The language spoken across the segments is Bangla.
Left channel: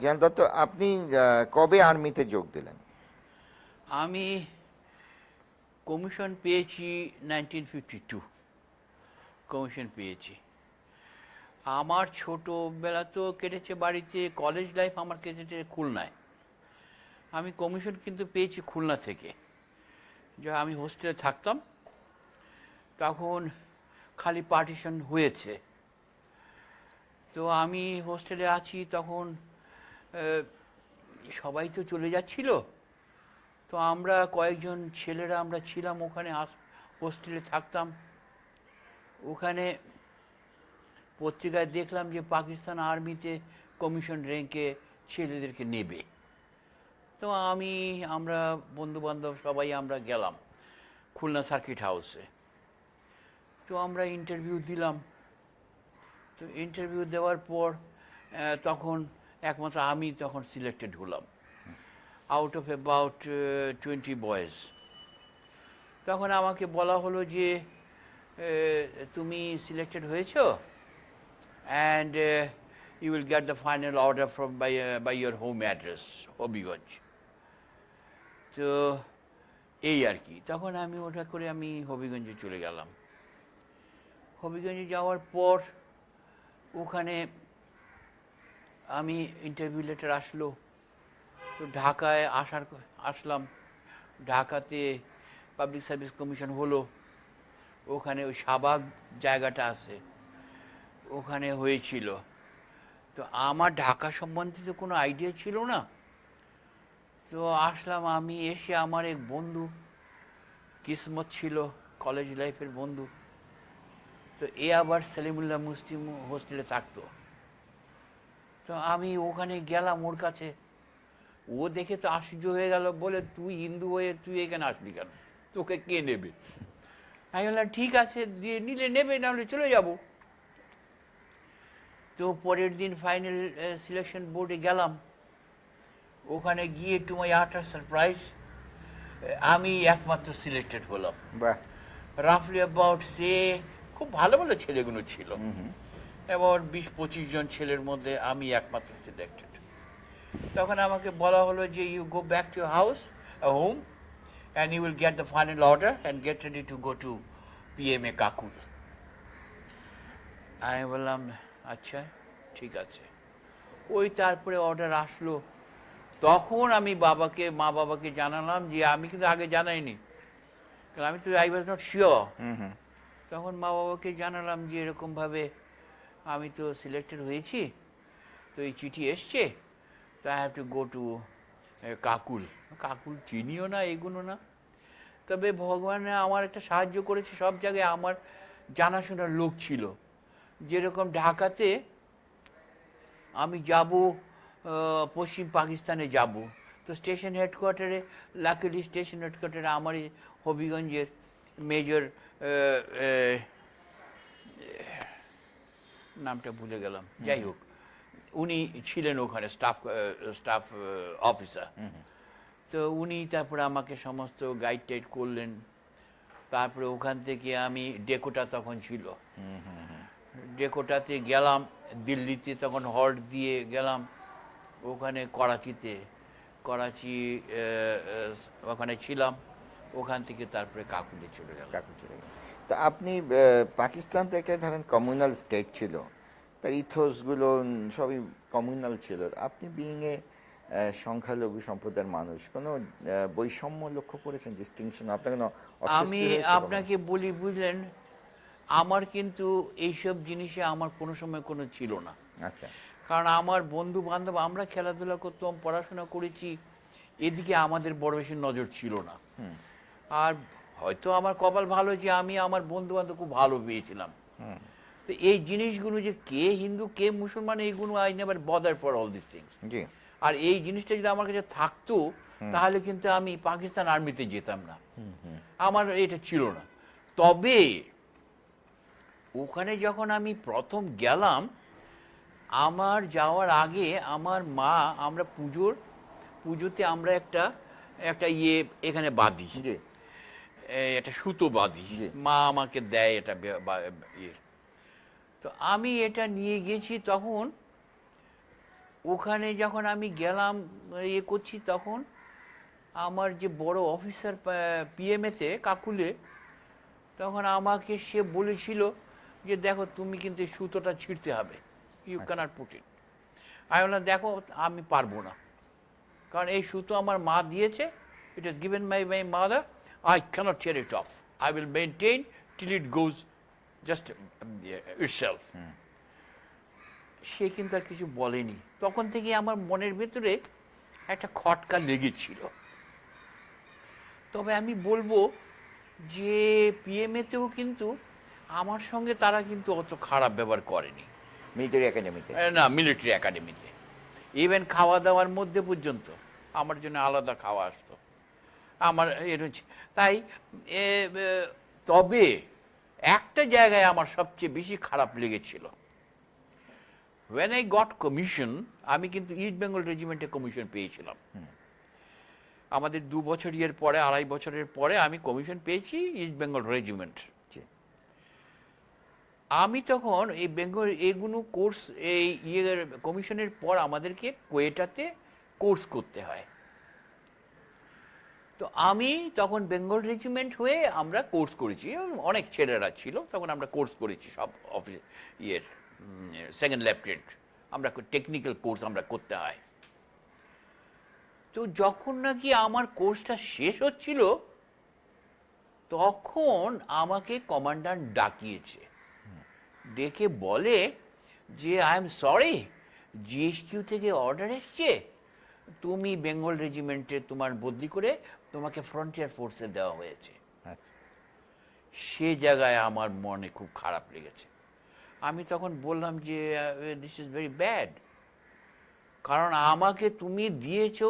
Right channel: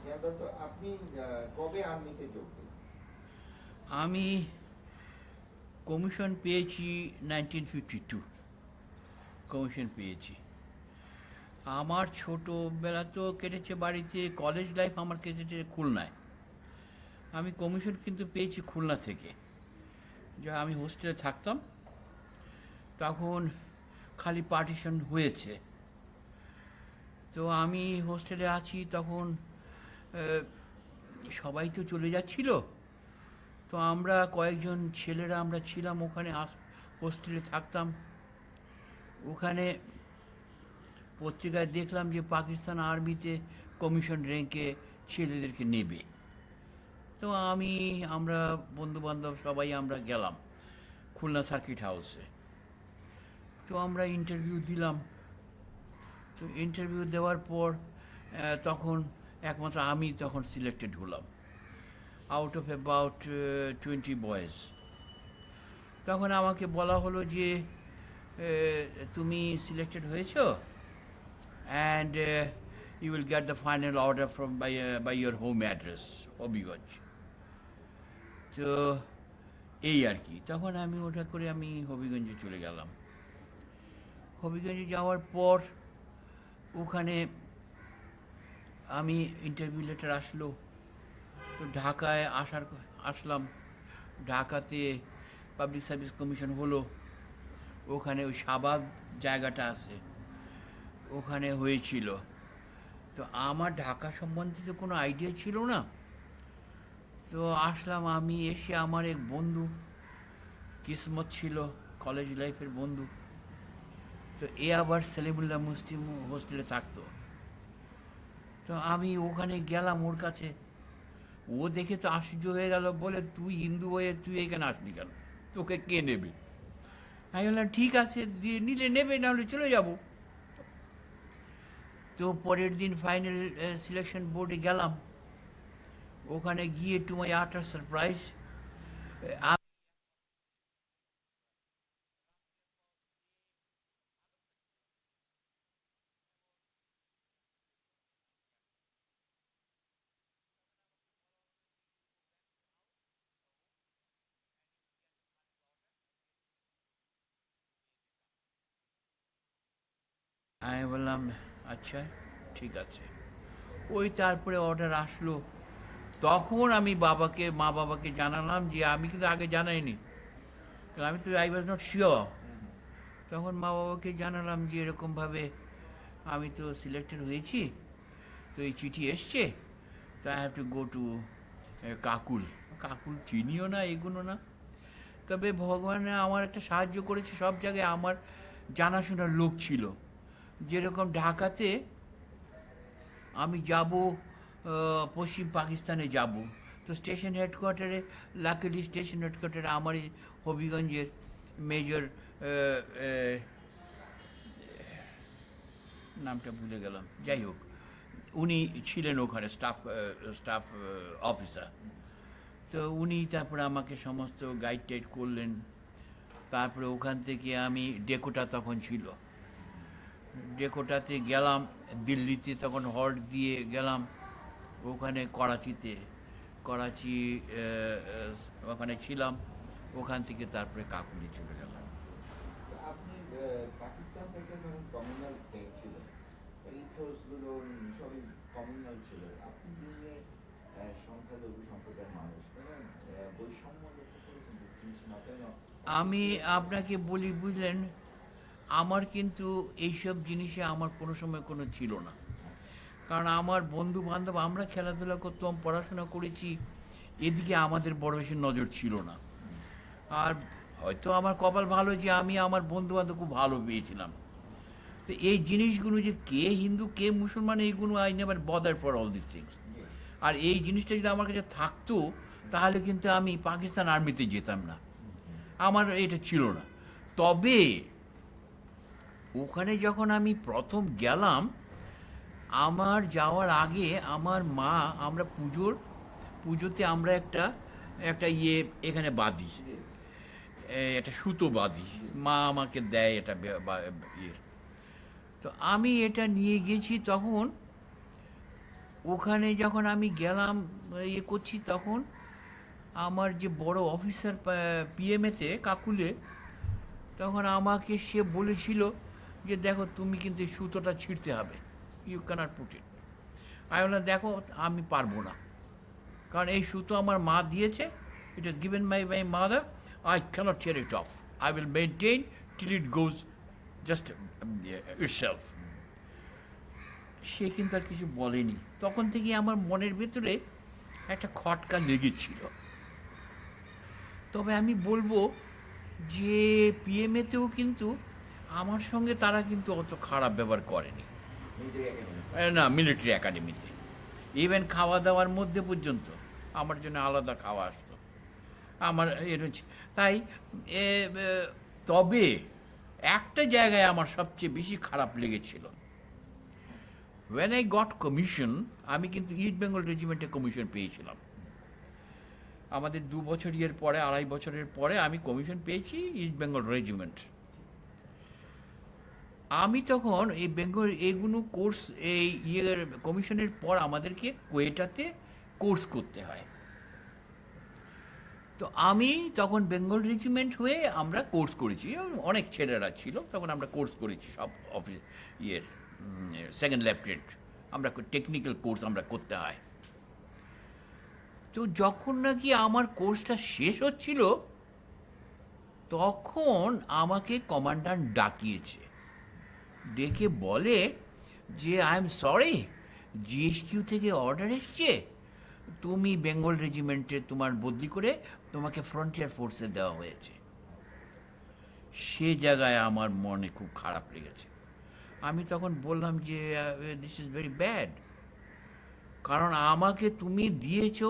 জিয়ান দত্ত, আপনি কবে আর্মিতে যোগ দিলেন? আমি কমিশন পেয়েছি 1952, কমিশন পেয়েছি। আমার ছোটোবেলা তো কেটেছে বাড়িতে, কলেজ লাইফ আমার কেটেছে খুলনায়। আমি কমিশন কিন্তু পেয়েছি খুলনা থেকে। যা আমি হোস্টেলে থাকতাম তখন খালি পার্টিশন হয়েছে, তো আমি হোস্টেলে আছি তখন সবাই তো চলে যাচ্ছিল, তো আমরা কয়েকজন ছেলেরা আমরা ছিলাম ওখানে, হোস্টেলে থাকতাম। ওখানে পত্রিকায় দেখলাম যে পাকিস্তান আর্মিতে কমিশন র্যাঙ্কে ছেলেদেরকে নেবে। তো আমরা বন্ধুবান্ধব সবাই আমরা গেলাম খুলনা সার্কিট হাউসে। তো আমরা ইন্টারভিউ দিলাম। তো ইন্টারভিউ দেওয়ার পর তখন একমাত্র আমি তখন সিলেক্টেড হলাম আউট অফ অ্যাবাউট 20 বয়েজ। তখন আমাকে বলা হলো যে তুমি সিলেক্টেড হয়েছো and you will get the final order from by your home address Habiganj. তো এই আর কি, তখন আমি ওটা করে আমি হবিগঞ্জে চলে গেলাম। হবিগঞ্জে যাওয়ার পর ওখানে আমি ইন্টারভিউ লেটার আসলো, তো ঢাকায় আসলাম। ঢাকাতে পাবলিক সার্ভিস কমিশন হলো, ওখানে ওই শাহবাগ জায়গাটা আছে ওখানে হয়েছিল। তো আমার ঢাকা সম্বন্ধিত কোনো আইডিয়া ছিল না। তো আসলাম, আমি এসে আমার এক বন্ধু, কিসমত ছিল কলেজ লাইফের বন্ধু, তো এ আবার সেলিমুল্লাহ মুসলিম হোস্টেলে থাকতো। তো আমি ওখানে গেলাম ওর কাছে, ও দেখে তো আশ্চর্য হয়ে গেল, বলে তুই হিন্দু হয়ে তুই এখানে আসবি কেন, তোকে কে নেবে? আমি বললাম ঠিক আছে, দিয়ে নিলে নেবে, নাহলে চলে যাব। তো পরের দিন ফাইনাল সিলেকশন বোর্ডে গেলাম। ওখানে গিয়ে টু মাই আটার সারপ্রাইজ আমি একমাত্র সিলেক্টেড হলাম। বাহ। রাফলি অ্যাবাউট খুব ভালো ভালো ছেলেগুলো ছিল, এবার 20-25 জন ছেলের মধ্যে আমি একমাত্র সিলেক্টেড। তখন আমাকে বলা হলো যে you go back to house home and you will get the final order and get ready to go to PMA Kakul. আমি বললাম আচ্ছা ঠিক আছে। ওই তারপরে অর্ডার আসলো, তখন আমি মা বাবাকে জানালাম, যে আমি কিন্তু আগে জানাইনি, কারণ আমি তো আই ওয়াজ নট শিওর। তখন মা বাবাকে জানালাম যে এরকমভাবে আমি তো সিলেক্টেড হয়েছি, তো এই চিঠি এসছে, তো I have to go to Kakul. Kakul চিনিও না, এগুলো না। তবে ভগবান আমার একটা সাহায্য করেছে, সব জায়গায় আমার জানাশোনার লোক ছিল। যেরকম ঢাকাতে আমি যাব, পশ্চিম পাকিস্তানে যাব, তো স্টেশন হেডকোয়ার্টারে, লাকিলি স্টেশন হেডকোয়ার্টারে আমারই হবিগঞ্জের মেজর, নামটা ভুলে গেলাম, যাই হোক উনি ছিলেন ওখানে স্টাফ অফিসার। তো উনি তারপরে আমাকে সমস্ত গাইড টাইড করলেন। তারপরে ওখান থেকে আমি ডেকোটা তখন ছিল, ডেকোটাতে গেলাম। দিল্লিতে তখন হল্ট দিয়ে গেলাম, ওখানে করাচি ওখানে ছিলাম। ওখান থেকে তারপরে কাকুলি চলে গেলাম। কাকু চলে গেলেন। তো আপনি পাকিস্তান তো একটা ধরেন কমিউনাল স্টেট ছিল, তার ইথোসগুলো সবই কমিউনাল ছিল। আপনি বিইংয়ে সংখ্যালঘু সম্প্রদায়ের মানুষ, কোনো বৈষম্য লক্ষ্য করেছেন, ডিস্টিংশন আপনার কোনো আমি আপনাকে বলি, বুঝলেন, আমার কিন্তু এইসব জিনিসে আমার কোনো সময় কোনো ছিল না। আচ্ছা। কারণ আমার বন্ধু বান্ধব, আমরা খেলাধুলা করতাম, পড়াশোনা করেছি, এদিকে আমাদের বড় বেশি নজর ছিল না। আর হয়তো আমার কপাল ভালো যে আমি আমার বন্ধু বান্ধব খুব ভালো পেয়েছিলাম। তো এই জিনিসগুলো যে কে হিন্দু কে মুসলমান, এইগুলো I never bother for all this things. জি। আর এই জিনিসটা যদি আমার কাছে থাকতো তাহলে কিন্তু আমি পাকিস্তান আর্মিতে যেতাম না, আমার এটা ছিল না। তবে ওখানে যখন আমি প্রথম গেলাম, আমার যাওয়ার আগে আমার মা, আমরা পুজোতে আমরা একটা এখানে বাঁধি, জি। একটা সুতো বাঁধি, জি। মা আমাকে দেয় এটা ইয়ে। তো আমি এটা নিয়ে গেছি, তখন ওখানে যখন আমি গেলাম ইয়ে করছি, তখন আমার যে বড় অফিসার পিএমএতে কাকুলে, তখন আমাকে সে বলেছিল যে দেখো তুমি কিন্তু এই সুতোটা ছিঁড়তে হবে, ইউ ক্যানট পুট ইট। আমি বললাম দেখো আমি পারবো না, কারণ এই সুতো আমার মা দিয়েছে, it is given my mother, I can't tear it off, I will maintain till it goes just itself. সে কিন্তু আর কিছু বলেনি। তখন থেকে আমার মনের ভেতরে একটা খটকা লেগেছিল। তবে আমি বলবো যে পিএমএতেও কিন্তু আমার সঙ্গে তারা কিন্তু অত খারাপ ব্যবহার করেনি। মিলিটারি একাডেমিতে? না, মিলিটারি একাডেমিতে ইভেন খাওয়া দাওয়ার মধ্যে পর্যন্ত আমার জন্য আলাদা খাওয়া আসতো আমার তাই তবে একটা জায়গায় আমার সবচেয়ে বেশি খারাপ লেগেছিল, when I got commission, আমি কিন্তু ইস্ট বেঙ্গল রেজিমেন্টে কমিশন পেয়েছিলাম। আমাদের 2 বছর ইয়ের পরে, 2.5 বছরের পরে আমি কমিশন পেয়েছি ইস্ট বেঙ্গল রেজিমেন্ট। আমি তখন এই বেঙ্গল এগুলো কোর্স, এই ইয়ের কমিশনের পর আমাদেরকে কোয়েটাতে কোর্স করতে হয়। তো আমি তখন বেঙ্গল রেজিমেন্ট হয়ে আমরা কোর্স করেছি, অনেক ছেলেরা ছিল তখন, আমরা কোর্স করেছি সব অফিস ইয়ের সেকেন্ড লেফটেন্যান্ট, আমরা টেকনিক্যাল কোর্স আমরা করতে হয়। তো যখন নাকি আমার কোর্সটা শেষ হচ্ছিল, তখন আমাকে কমান্ড্যান্ট ডাকিয়েছে, ডেকে বলে যে আই এম সরি, জিএসকিউ থেকে অর্ডার এসছে, তুমি বেঙ্গল রেজিমেন্টে তোমার বদলি করে তোমাকে ফ্রন্টিয়ার ফোর্সে দেওয়া হয়েছে। সে জায়গায় আমার মনে খুব খারাপ লেগেছে। আমি তখন বললাম যে দিস ইজ ভেরি ব্যাড, কারণ আমাকে তুমি দিয়েছো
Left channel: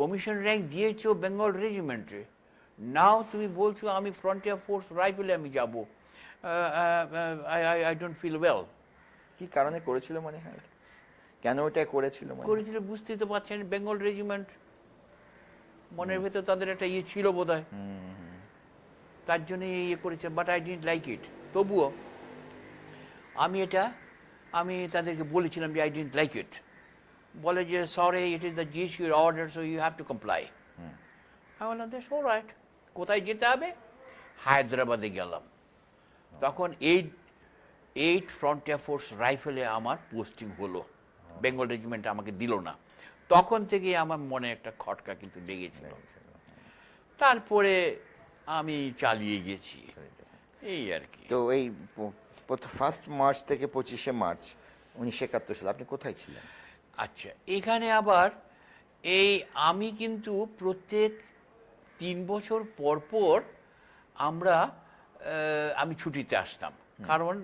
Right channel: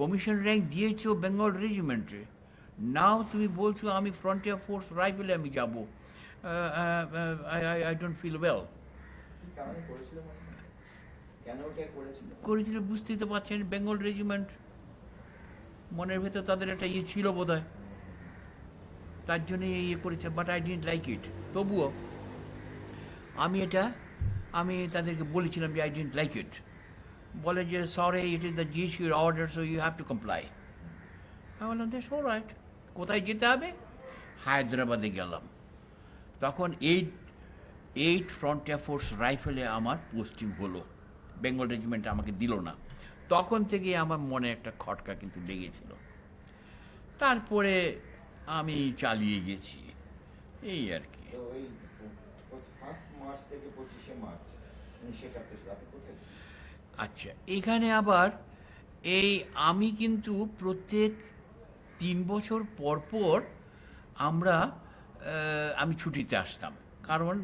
কমিশন র্যাঙ্ক, দিয়েছো বেঙ্গল রেজিমেন্টে, নাও তুমি বলছো আমি ফ্রন্টিয়ার ফোর্স রাইফেলে আমি যাব। I don't feel well. কি কারণে করেছিল মনে হয়, কেন ওটা করেছিল করেছিল বুঝতেই তো পারছেন, বেঙ্গল রেজিমেন্ট মনের ভেতর তাদের একটা ইয়ে ছিল বোধ হয়, তার জন্য ইয়ে করেছে। But I didn't like it. তবুও আমি তাদেরকে বলেছিলাম যে আই ডিডন্ট লাইক ইট। বলে যে সরি, ইট ইজ দ্য জিএসকিউর order, so you have to comply. আমি বললাম দ্যাটস অলরাইট। কোথায় যেতে হবে? হায়দ্রাবাদে গেলাম। তখন এইট ফ্রন্টিয়ার ফোর্স রাইফেলে আমার পোস্টিং হলো, বেঙ্গল রেজিমেন্ট আমাকে দিল না। তখন থেকে আমার মনে একটা খটকা কিন্তু লেগেছিল। তারপরে আমি চালিয়ে গেছি, এই আর কি। তো এই 1 মার্চ থেকে 25 মার্চ 1971 সালে আপনি কোথায় ছিলেন? আচ্ছা, এখানে আবার আমি কিন্তু প্রত্যেক 3 বছর পর পর আমি ছুটিতে আসতাম, কারণ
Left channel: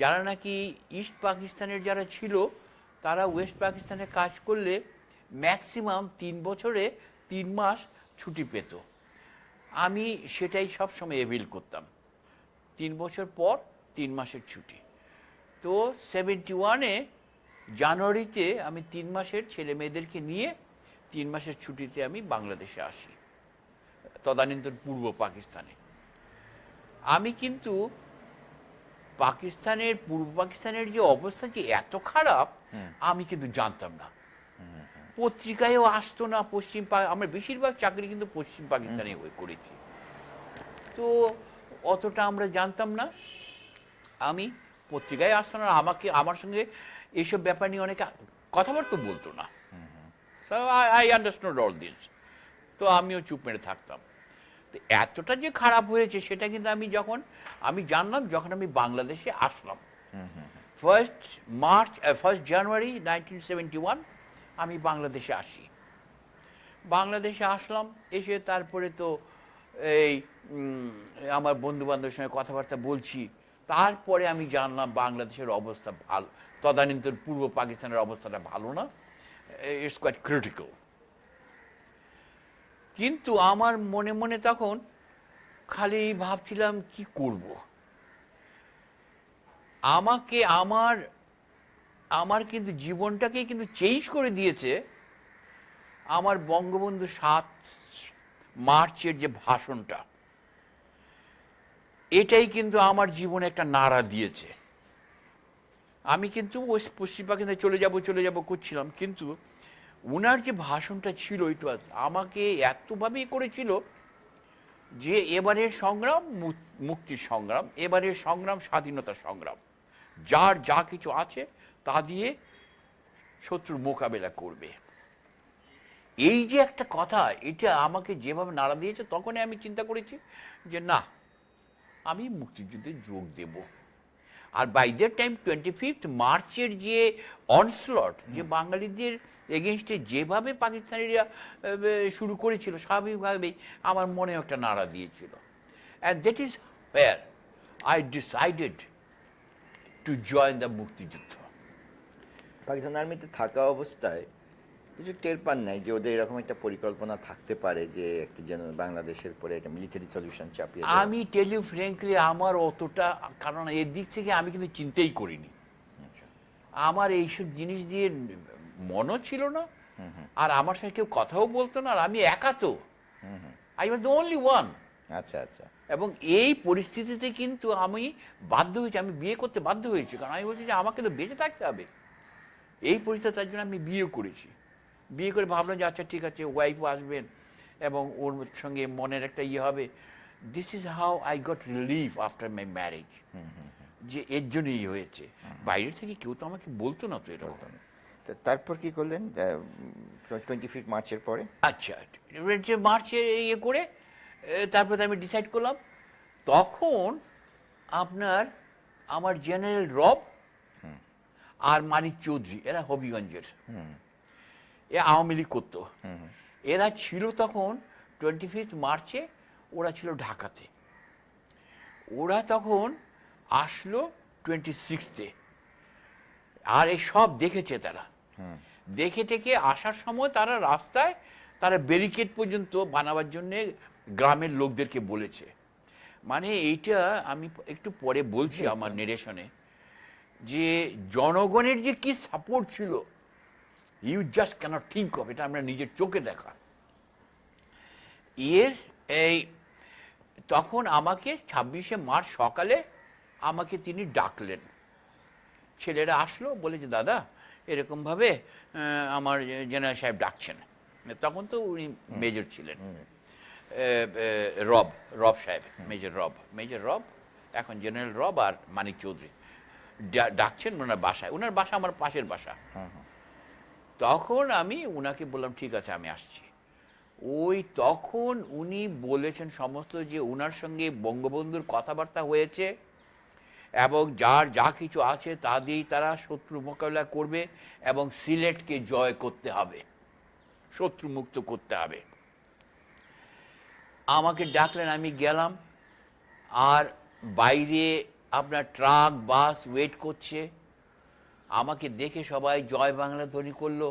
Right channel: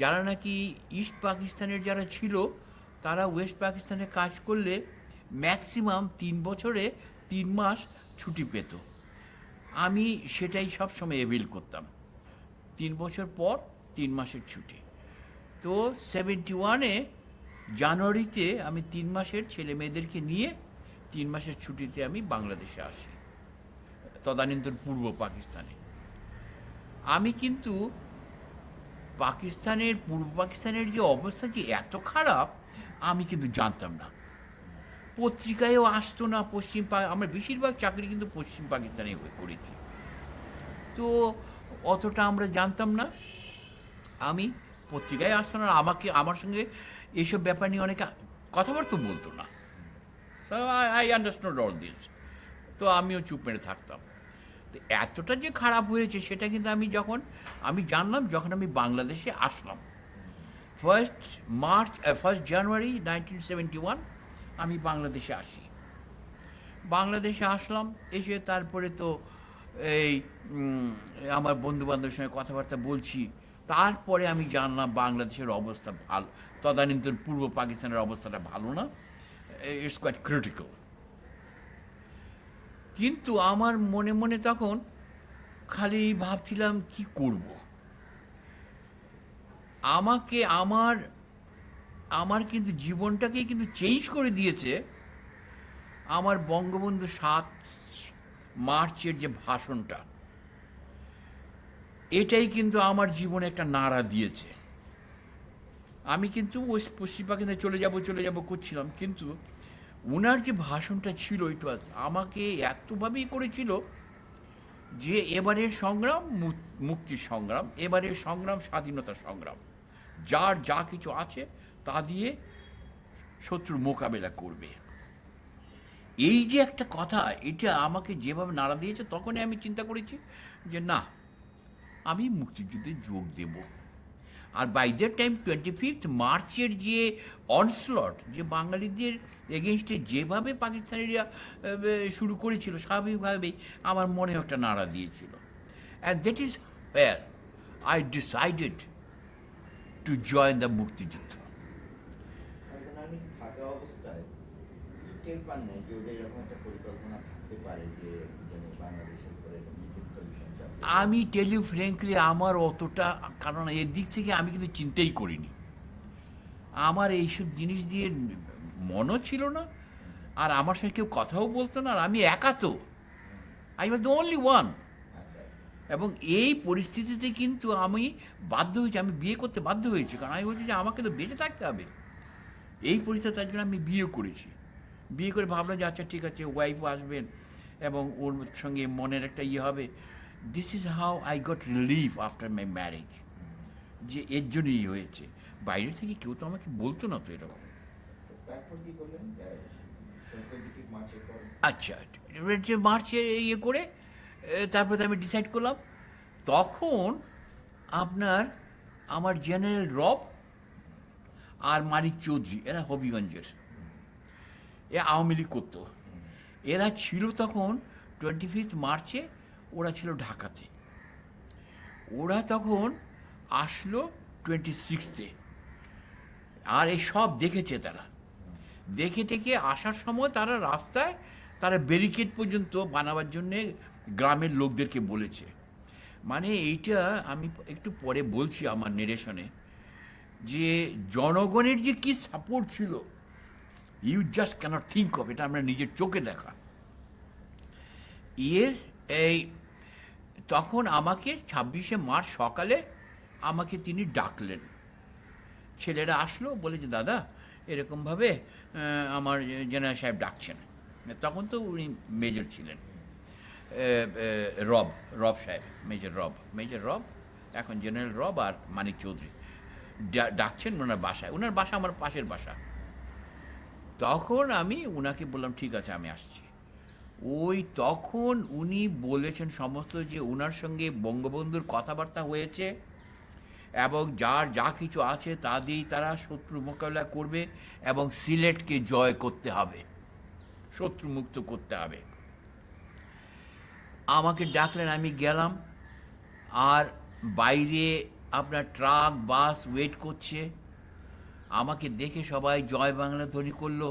যারা নাকি ইস্ট পাকিস্তানের যারা ছিল, তারা ওয়েস্ট পাকিস্তানে কাজ করলে ম্যাক্সিমাম 3 বছরে 3 মাস ছুটি পেত। আমি সেটাই সব সময় এভিল করতাম, 3 বছর পর 3 মাসের ছুটি। তো 71-এ জানুয়ারিতে আমি 3 মাসের ছেলে মেয়েদেরকে নিয়ে 3 মাসের ছুটিতে আমি বাংলাদেশে আসি, তদানীন্তন পূর্ব পাকিস্তানে। আমি কিন্তু পূর্ব পাকিস্তানের যে অবস্থা যে এত খারাপ আমি কিন্তু জানতাম না, পত্রিকায়ও আসতো না। আমার বেশিরভাগ চাকরি কিন্তু পশ্চিম পাকিস্তানে করেছি, তো অতটা আমরা জানতাম না। আমি পত্রিকায় আসতো না, আমার সঙ্গে এইসব ব্যাপার নিয়ে অনেকে কথাবার্তা বলতো না। I understand all this. তো আমিও চুপ মেরে থাকতাম। তো এতটা যে খারাপ হয়েছে সেটা কিন্তু আমি জানলাম যখন আমি বাংলাদেশে আসলাম। 1 জানুয়ারি 1971 আমি বাংলাদেশে আসি। বাংলাদেশে আসলাম, এসে তারপরে তো আমার বন্ধু বান্ধবের সঙ্গে কথাবার্তা বলছি। তারপরে আমি জানলাম বাংলাদেশের অবস্থা ভালো, তদানীন্তন পূর্ব পাকিস্তানের অবস্থাটা ভালো না, ইটস কোয়াইট ক্রিটিক্যাল। কিন্তু আমার মনে মনে তখন খালি ভাবছিলাম কি করব। আমার কিন্তু জীবনটাকে কিন্তু চেঞ্জ করে দিয়েছে আমার বঙ্গবন্ধু 7 মার্চের যে ভাষণটা, এটাই কিন্তু আমার জীবনে একটা নাড়া দিয়েছে। আমি কিন্তু ওই পশ্চিম পাকিস্তানে চলে যাব করছিলাম, কিন্তু ওনার যে ভাষণটা ছিল ওইটা আমাকে এতভাবেই করেছিল যে এবারের সংগ্রাম মুক্তির সংগ্রাম, এবারের সংগ্রাম স্বাধীনতার সংগ্রাম, যার যা কিছু আছে তা দিয়ে শত্রুর মোকাবেলা করবে। এই যে একটা কথা, এটা আমাকে যেভাবে নাড়া দিয়েছে, তখনই আমি চিন্তা করেছি যে না, আমি মুক্তিযুদ্ধে যোগ দেব। আর বাই দ্যাট টাইম 25 মার্চের যে অনস্লট, যে বাঙালিদের এগেনস্টে যেভাবে পাকিস্তানিরা শুরু করেছিল, স্বাভাবিকভাবেই আমার মনে একটা নাড়া দিয়েছিল। And that is wire I decided to join the মুক্তিযুদ্ধ। পাকিস্তান আর্মিতে থাকা অবস্থায় কিছু টের পান নাই যে ওদের এরকম একটা পরিকল্পনা থাকতে পারে যে কি যেন বাংলাদেশের পরে একটা মিলিটারি সলিউশন চাপিয়ে দেওয়া? আমি টেল ইউ ফ্র্যাঙ্কলি, আমার অতটা, কারণ এর দিক থেকে আমি কিন্তু চিন্তাই করিনি। আমার এইসব জিনিস দিয়ে মনও ছিল না, আর আমার সঙ্গে কেউ কথাও বলতো না, আর আমি একা তো, I was the only one. আচ্ছা আচ্ছা। এবং এই পরিস্থিতিতে কিন্তু আমি বাধ্য হয়েছি, আমি বিয়ে করতে বাধ্য হয়েছি, কারণ আমি বলছি যে আমাকে তো বেঁচে থাকতে হবে। এই পরিস্থিতি, তার জন্য আমি বিয়ে করেছি। বিয়ে করে ভাবলাম যে আচ্ছা ঠিক আছে, ওয়াইফও আসবেন এবং ওর সঙ্গে মনের একটা ইয়ে হবে। This is how I got relief after my marriage, যে এর জন্যই হয়েছে। বাইরে থেকে কেউ তো আমাকে বলতো না তো এটা। তারপর কি করলেন 25 মার্চের পরে? আচ্ছা, মার্চে ইয়ে করে তারপরে আমি ডিসাইড করলাম। তখন আপনার আমার জেনারেল রব আর মানিক চৌধুরী, এরা হবিগঞ্জের, এ আওয়ামী লীগ করতো। এরা ছিল তখন 25 মার্চে, ওরা ছিল ঢাকাতে। ওরা তখন আসলো 26-এ, আর এই সব দেখেছে তারা। দেখে টেকে আসার সময় তারা রাস্তায় তারা ব্যারিকেড পর্যন্ত বানাবার জন্যে গ্রামের লোকদেরকে বলেছে। মানে এইটা আমি একটু পরে বলছি আমার নেরেশনে, যে জনগণের যে কি সাপোর্ট ছিল, you just can't think of. এটা আমরা নিজের চোখে দেখা। এই তখন আমাকে 26শে মার্চ সকালে আমাকে তিনি ডাকলেন। ছেলেরা আসলো, বলে যে দাদা এরকমভাবে আমার জেনারেল সাহেব ডাকছেন। তখন তো উনি মেজর ছিলেন, রব সাহেব, মেজর রব, এখন জেনারেল রব আর মানিক চৌধুরী ডাকছেন ওনার বাসায়। ওনার বাসা আমার পাশের বাসা। তখন আমি উনাকে বললাম ঠিক আছে আমি আসছি। ওই তখন উনি বলেছেন সমস্ত, যে ওনার সঙ্গে বঙ্গবন্ধুর কথাবার্তা হয়েছে এবং যার যা কিছু আছে তা দিয়েই তারা শত্রু মোকাবিলা করবে এবং সিলেটকে জয় করতে হবে, শত্রু মুক্ত করতে হবে। আমাকে ডাকলেন, আমি গেলাম। আর বাইরে আপনার ট্রাক বাস ওয়েট করছে। আমাকে দেখে সবাই জয় বাংলা ধ্বনি করলো।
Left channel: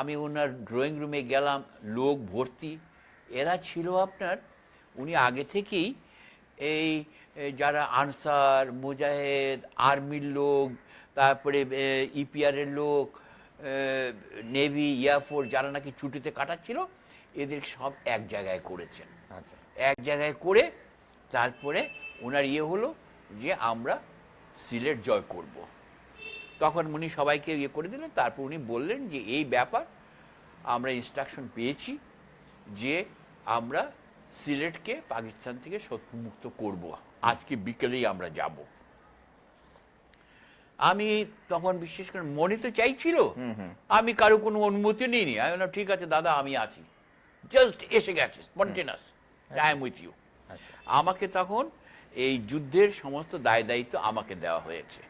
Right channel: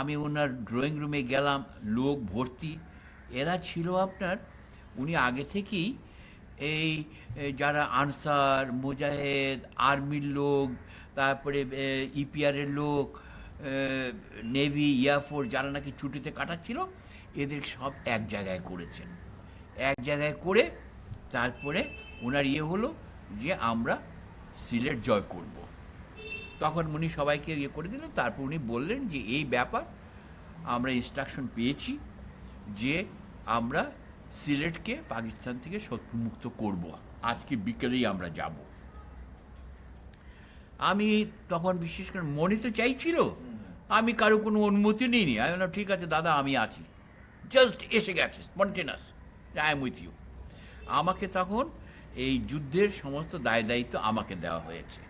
আমি ওনার ড্রয়িং রুমে গেলাম, লোক ভর্তি। এরা ছিল আপনার, উনি আগে থেকেই এই যারা আনসার, মুজাহেদ, আর্মির লোক, তারপরে ইপিআরের লোক, নেভি, এয়ারফোর্স, যারা নাকি ছুটিতে কাটাচ্ছিল, এদের সব এক জায়গায় করেছেন। এক জায়গায় করে তারপরে ওনার ইয়ে হলো যে আমরা সিলেট জয় করব। তখন উনি সবাইকে ইয়ে করে দিলেন। তারপর উনি বললেন যে এই ব্যাপার, আমরা ইনস্ট্রাকশন পেয়েছি যে আমরা সিলেটকে পাকিস্তান থেকে শত্রুমুক্ত করব, আজকে বিকেলেই আমরা যাব। আমি তখন বিশেষ করে মনে তো চাইছিল, আমি কারো কোনো অনুমতি নিইনি। আমি বললাম ঠিক আছে দাদা আমি আছি, জাস্ট এসে গেছে স্পন্টেনাস, আই এম উইথ ইউ। আমাকে তখন এই যুদ্ধের সমস্ত দায় দায়িত্ব আমাকে দেওয়া হয়েছে।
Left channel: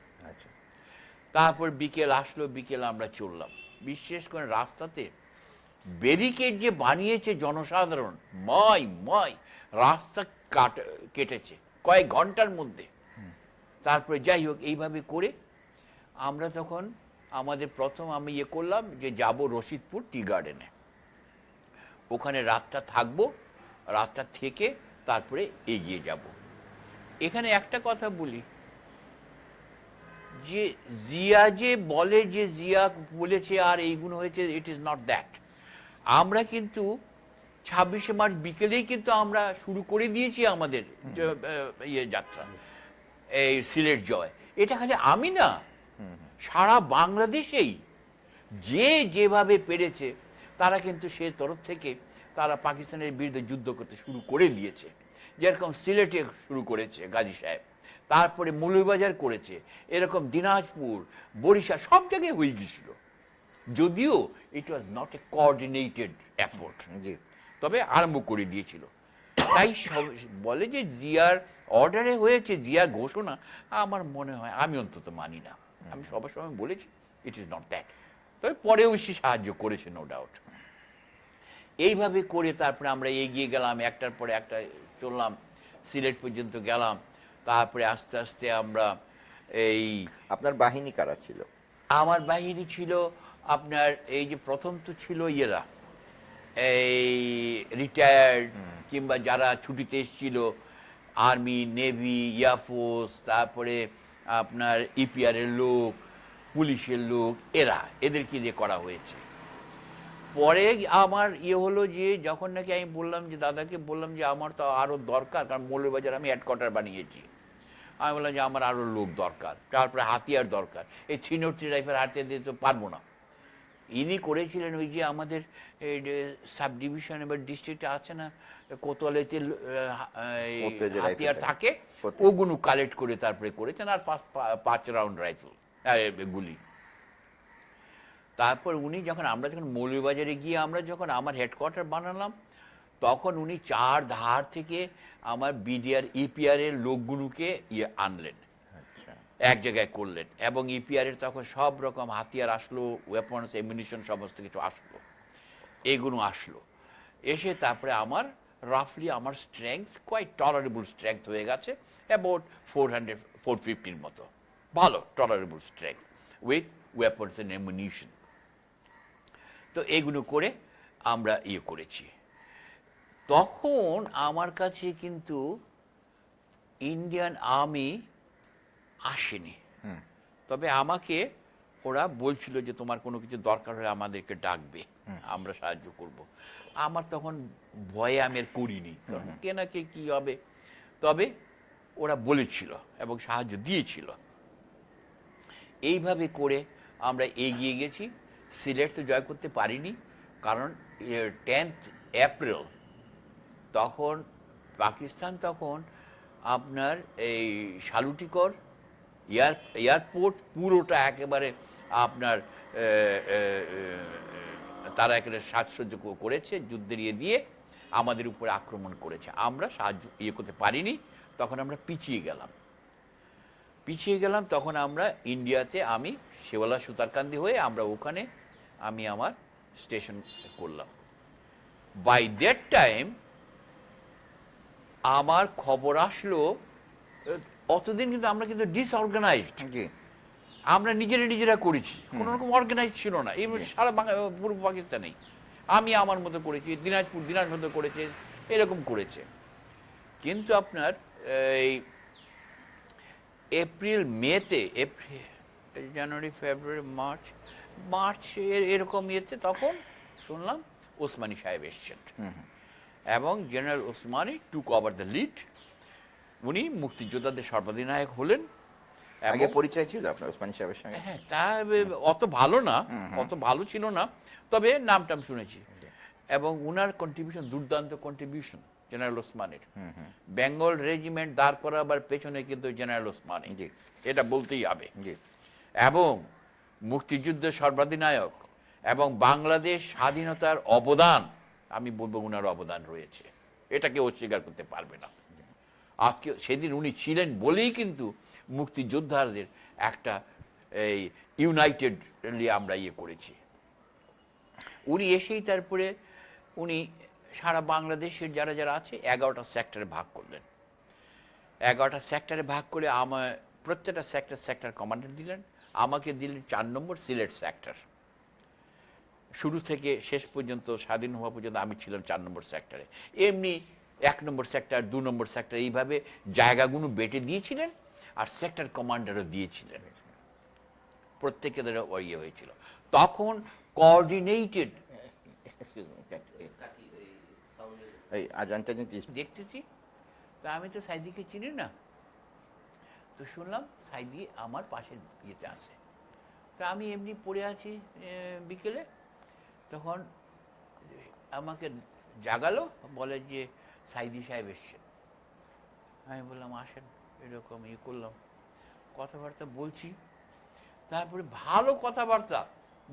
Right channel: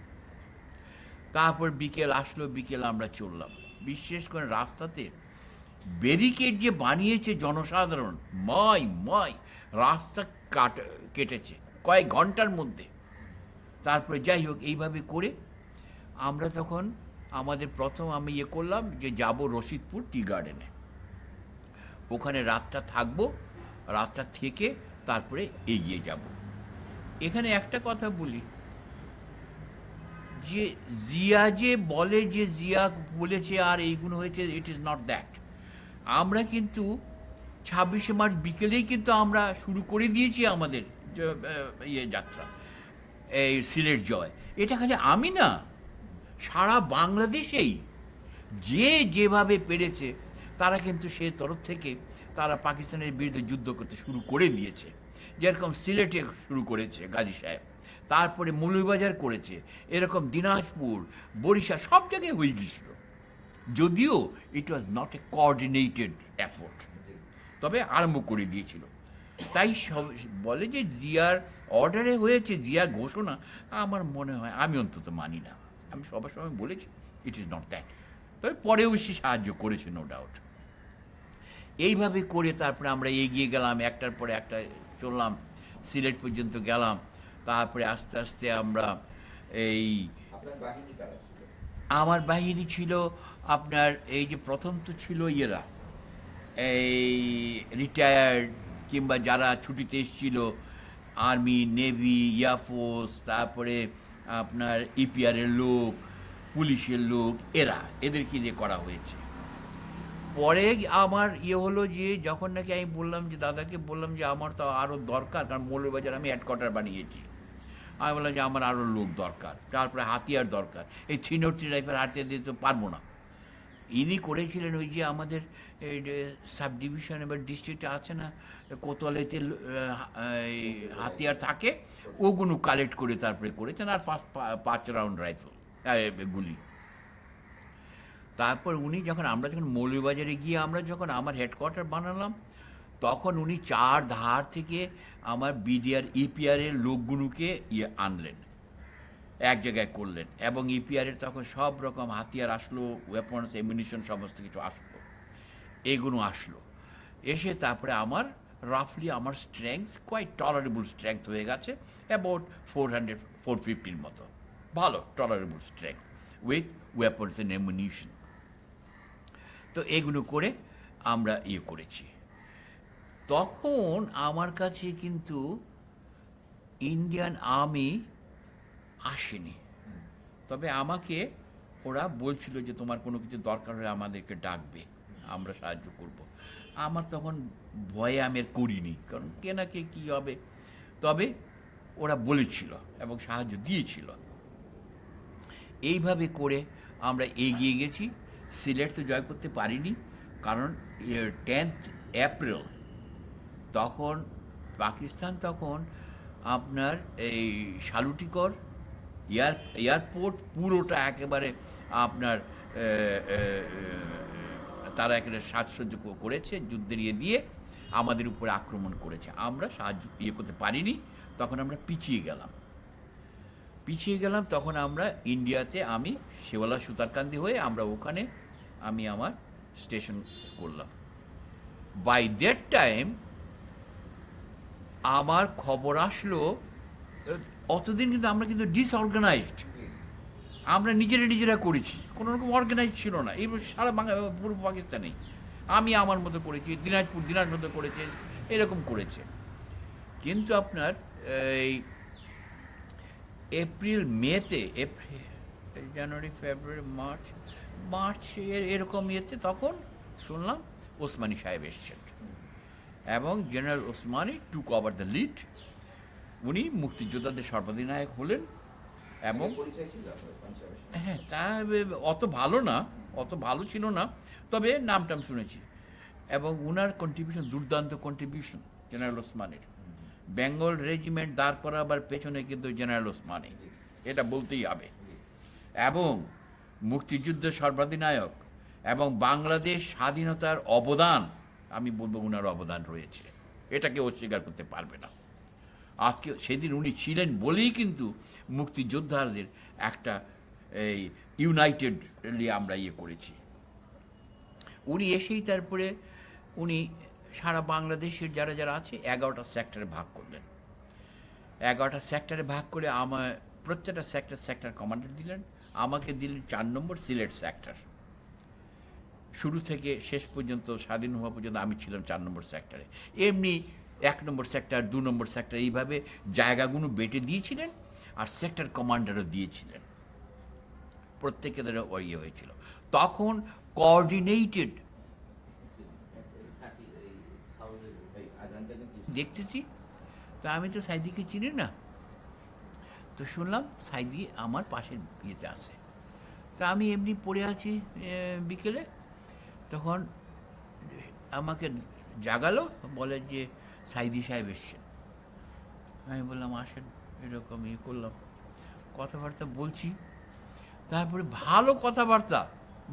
তারপর বিকেল আসলো, বিকেল আমরা চললাম। বিশেষ করে রাস্তাতে ব্যারিকেড যে বানিয়েছে জনসাধারণ, ময় রাস্তা কেটেছে কয়েক ঘন্টার মধ্যে। তারপরে যাই হোক, এইভাবে করে আমরা তখন আমাদের প্রথম আমি ইয়ে করলাম যে যাব রশিদপুর টি গার্ডেনে, ওখানে রাতটা থাকবো, রাতটা থেকে তারপরে এগিয়ে যাব। এখানে একটা কথা বলি, যে জিয়া যে বলে যে জিয়া বলেছে আর এইগুলো হয়েছে, ইট ইজ নট দ্যাট। আমরা কিন্তু 26শে মার্চ বিকেলেই কিন্তু আমরা শুরু করে দিয়েছি আমাদের ইয়ে যাত্রা, এই সিলেট জয়। এটা খালি আমি না, সারা বাংলাদেশেই যে যেভাবে পেরেছে তারা কিন্তু সে তরফ থেকে তারা পাকিস্তানের বিরুদ্ধে যুদ্ধ করতে শুরু করে দিয়েছে। যেরকম সিলেটে শুরু করেছে গাজী সাহেব, তারপরে মৌলভীবাজার করেছে, এরকম দিনাজপুর, বরিশাল সব জায়গায় হয়ে গেছিল, যদিও it was not a coordinated effort, জি তবে আরম্ভ করে দিয়েছিল। তাই সব বলে যে জিয়ার অর্ডারে হয়েছে, জিয়ার ঘোষণা, আমার মনে হয়, আমি অন্তত মানি না। আমি সবার সময় বলেছি ইট ইজ নট দ্যাট। তবে পরেও সে সাহায্য করেছে, নো ডাউট। এইভাবে করে তারপরে আমরা এগিয়ে গেলাম, একটার পরে একটা চললাম, সিলেট পর্যন্ত গেলাম। তারপরে আস্তে আস্তে আমরা এই আপনার বাহিনী কারা ছিল? আমার বাহিনী ছিল আপনার এই যে প্রথম তো ছিল ইয়েরা, এই রিটায়ার্ড কিংবা যারা ছুটিতে এসেছিল, আর্মি, নেভি, এয়ারফোর্স, তারপরে আপনার ইপিআরের লোক, পুলিশের লোক, এদেরকে দিয়ে করা হয়েছে। পরে আমার ইয়ে হলো যে যখন নাকি আমি বললাম যে দাদাকে বললাম যে আমার তো আরও দরকার, কারণ মৌলভীবাজার আমি হেডকোয়ার্টার বানিয়েছি, আমি বললাম যে আমার আরও লোক দরকার, তারপরে হাতিয়ার দরকার, এই 303 রাইফেল হাতিয়ার দিতে তো পারবো না। ইনি করেছিলেন ওই যে আমাদের সাব ডিভিশন এবার ডিস্ট্রিক্টে আছে না, কোতোয়ালিতে কোতোয়ালি যে হাতিয়ার রাইফেলটা। থাকে, কোতোয়ালি। ওগুলো কালেক্ট করে তারপরে করেছেন, আর 5 রাউন্ড রাইফেল গুলি। তারপর উনি যখন আমরা যখন মৌলভীবাজারে গিয়ে আমরা যখন আমার হেডকোয়ার্টার বানালাম, তখন উনি 4 ধার থেকে আমার বিডিআর ইপিআরের লোকগুলোকে আনলেন, এক জায়গায় করলেন, এবং ইপিআরের তখন সব রকম হাতিয়ার আসলো, ওয়েপন্স, এমিনিশন সমস্ত কিছু আসলো, এগুলো আসলো। এসে তারপরে আমার রাফলি আমার স্ট্রেংথ কোয়াইট টলারেবল স্ট্রেংথ হয়ে গেছে, অ্যাবাউট 450-450 মতো, ভালো tolerable strength with weapons and ammunition. তো এগুলো করে আমরা ইয়ে করেছি। তখন আমার কাছে কিন্তু ইন্ডিয়ান আর্মি আসেনি, তবে আমাকে ওরা বলছিল যে তোমার কোনো কিছু দরকার হলে আমাদেরকে ডাকবে, আমরা সাহায্য করব। আমার তখন ভয়ে আমি আর করিনি, কারণ কে না কে কী হবে, তবে ওরা বলেছিল এবং সাহায্য দিয়েছিল। এইভাবে করে আমরা এগিয়ে গেছি। সিলেট তো জয় করতে পারিনি, কারণ 10th এপ্রিল তখন পাকিস্তান তখন আপনার এই শালুটিকর এয়ারপোর্ট পুরোটা একেবারে আপনার তারা একেবারে সাজসজ্জ করেছে, যুদ্ধের ইয়ে দিয়ে আমাদের উপরে আক্রমণ করেছে। আমরা সাহায্য ইয়ে করতে পারিনি, তখন আমরা পিছিয়ে গেলাম। তখন আমরা ইন্ডিয়াতে, আমি শেওলা সুতারকান্দি হয়ে আমরা ওখানে আমি আমার স্টেশন করলাম। বাই দ্যাট টাইম আমার খবর আসলো, অতদিন কিন্তু আমরা কিন্তু ডিসঅর্গানাইজড, জি আমরা নিজেরা করেছি, কোনো রকম অর্গানাইজ ছিল না। এই সারা পূর্ব পাকিস্তানে আমি আমার মতো করেছি, দিনাজপুর মতো করেছে, এরকম করেছে। কিন্তু আপনার এই মেতে জানুয়ারি, ফেব্রুয়ারি, মার্চ এরকম ইয়েতে তখন শুনলাম ওসমানী সাহেব এসছেন, এবং general Osmani took over the lead. উনি মুক্তিযোদ্ধাদের সর্বাধিনায়ক হলেন। আগে পরিচয় ছিল আপনার ওসমানী সাহেবের সঙ্গে? হ্যাঁ, তা অত ভালো ছিল না, তবে নামটাম শুনেছি। এবং উনার কন্ট্রিবিউশন, দুর্দান্ত কন্ট্রিবিউশন জেনারেল ওসমানের। বেঙ্গল রেজিমেন্ট দাঁড় করাবার পেছনে কিন্তু জেনারেল ওসমানী, এটা বলতেই হবে। এবং মুক্তিযুদ্ধের সর্বাধিনায়ক এবং বাংলাদেশ স্বাধীনতার অবদান, আমি বলবো উনার অবদান রয়েছে, এটাকে অস্বীকার করতে পারবে না। আজকে সেদিন উনি ছিলেন বলেই কিন্তু মুক্তিযোদ্ধাদের একটা এই ইউনাইটেডলি আমরা ইয়ে করেছি। উনি এসেই তারপরে উনি সারা বাংলাদেশের যারা আছে 11টা সেক্টরে ভাগ করলেন। 11টা সেক্টরে ভাগ করে আমার প্রত্যেকটা সেক্টর কমান্ডার দিলেন। আমাকে দিলেন 4 নম্বর সিলেট সেক্টর। শুরু থেকে শেষ পর্যন্ত, স্বাধীন হওয়া পর্যন্ত আমি ছিলাম 4 নম্বর সেক্টরে। এমনি 1 নম্বর সেক্টর, 2 নম্বর সেক্টর, এইভাবে জায়গাগুলো বেটে দিয়েছিলেন, আর সেক্টর কমান্ডারও দিয়েছিলেন। প্রত্যেকে তারা ইয়ে হয়েছিল। তখন কোঅর্ডিনেটেড দেখতেছি। তা আমি তো সাইদিকে চিনি না, তো শুনলাম সাইদি আমার পাশের ইয়েতে আছে। তা আমি এমনি পড়ে আছি বিকেলে, তখন আমাকে জাগালো, বলে যে সাইদি সাহেব এসছেন। আমি বললাম আসেন, এরকম করলাম, কথাবার্তা বলছি। তারপরে ভালো কথাবার্তা,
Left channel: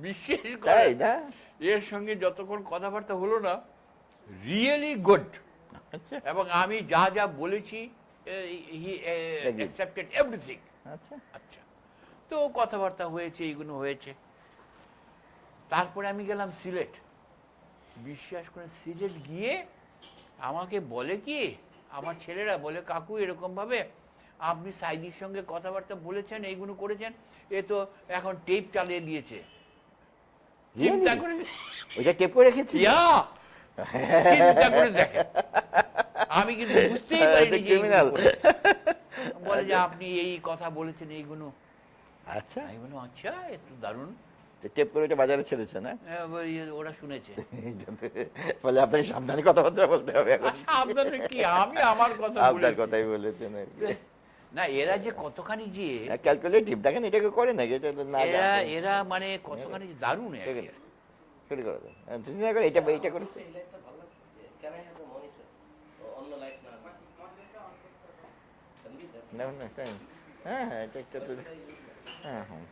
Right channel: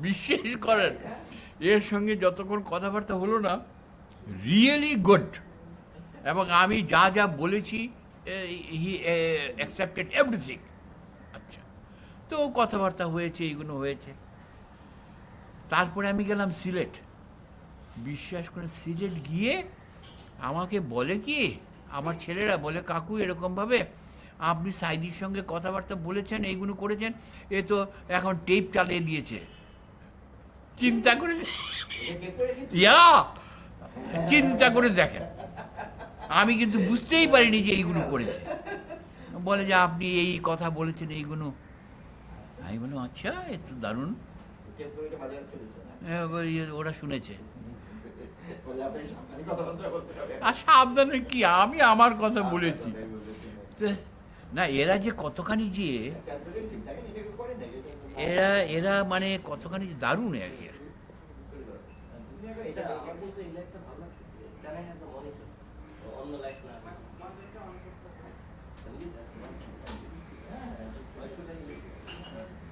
বিশেষ করে তাই না? এর সঙ্গে যতক্ষণ কথাবার্তা হলো না, রিয়েলি গুড। আচ্ছা এবং আমি যা যা বলেছি, হি অ্যাকসেপ্টেড এভরিথিং। আচ্ছা। আচ্ছা, তো কথাবার্তা হয়েছে, এইগুলো হয়েছে। তারপরে আমি গেলাম সিলেট। বিশ্বাস করে সিলেট গিয়ে আমাকে বলে কি, আমার ছেলেরা বলে, কাকু এরকমভাবে আপনি সাইদির সঙ্গে কথাবার্তা বলেছেন, এইগুলো করেছেন, এ তো এখন টেপ চালিয়ে দিয়েছে। চিন্তা করে, এটা টেপ করে রেখেছি। ইয়া, চিন্তা করে দেখেন, আমি কিন্তু বুঝতেই পারিনি যে এইগুলো Criminal. করেছে। বলে যে আপনি এই কথা বলেছেন এইগুলো। আচ্ছা, আমি বললাম আচ্ছা, এ তো দারুণ। টেপ করে এটা বাজারে ছেড়েছে না? হ্যাঁ, ওরা শুনেছে। ফলে আপনাকে সাবধানে কথাবার্তা বলতে হবে। আর সাবধানে কি, আমি আমার কথা আপনার বলেছি। কথাই বলেছেন। না, এরা যে কতখানি যে, ক্যালকুলেটিভ, দেখেন এটাকে করে না, এটা তো না এরা মানে কতখানি যে দারুণ আর কি। করে করে দেন। চিন্তা করে এটা এইটা করে না, না, এটা- হ্যাঁ হ্যাঁ এটা একটা হ্যাঁ হ্যাঁ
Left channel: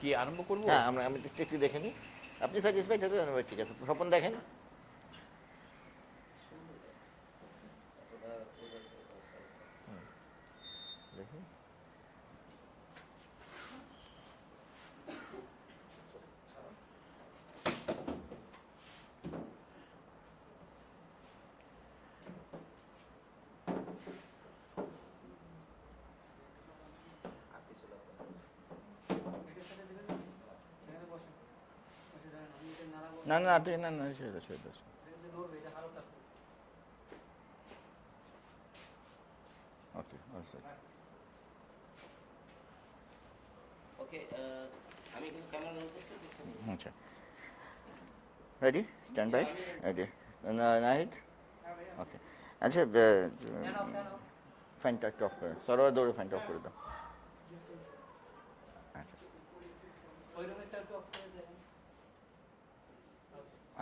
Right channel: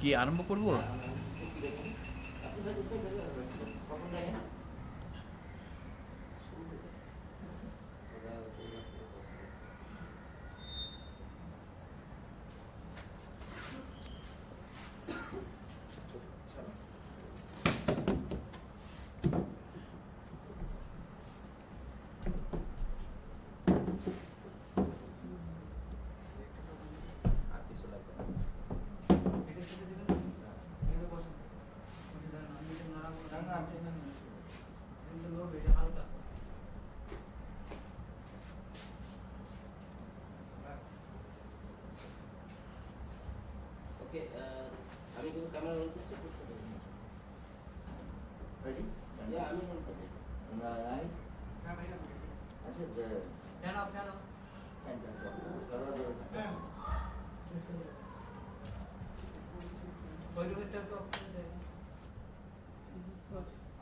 কি আরম্ভ করবো? হ্যাঁ, আমরা আমি একটু একটু দেখে নিই। আপনি স্যাটিসফাইড হতে হবে, ঠিক আছে। স্বপন দেখেন। না না ঠিক না না সেটা সেটা ওকে আচ্ছা ready stand by ready night okay আচ্ছা ফ্যানটা অফ করে সরোয়া দৌড়ে ফ্যানটা অফ করে দাও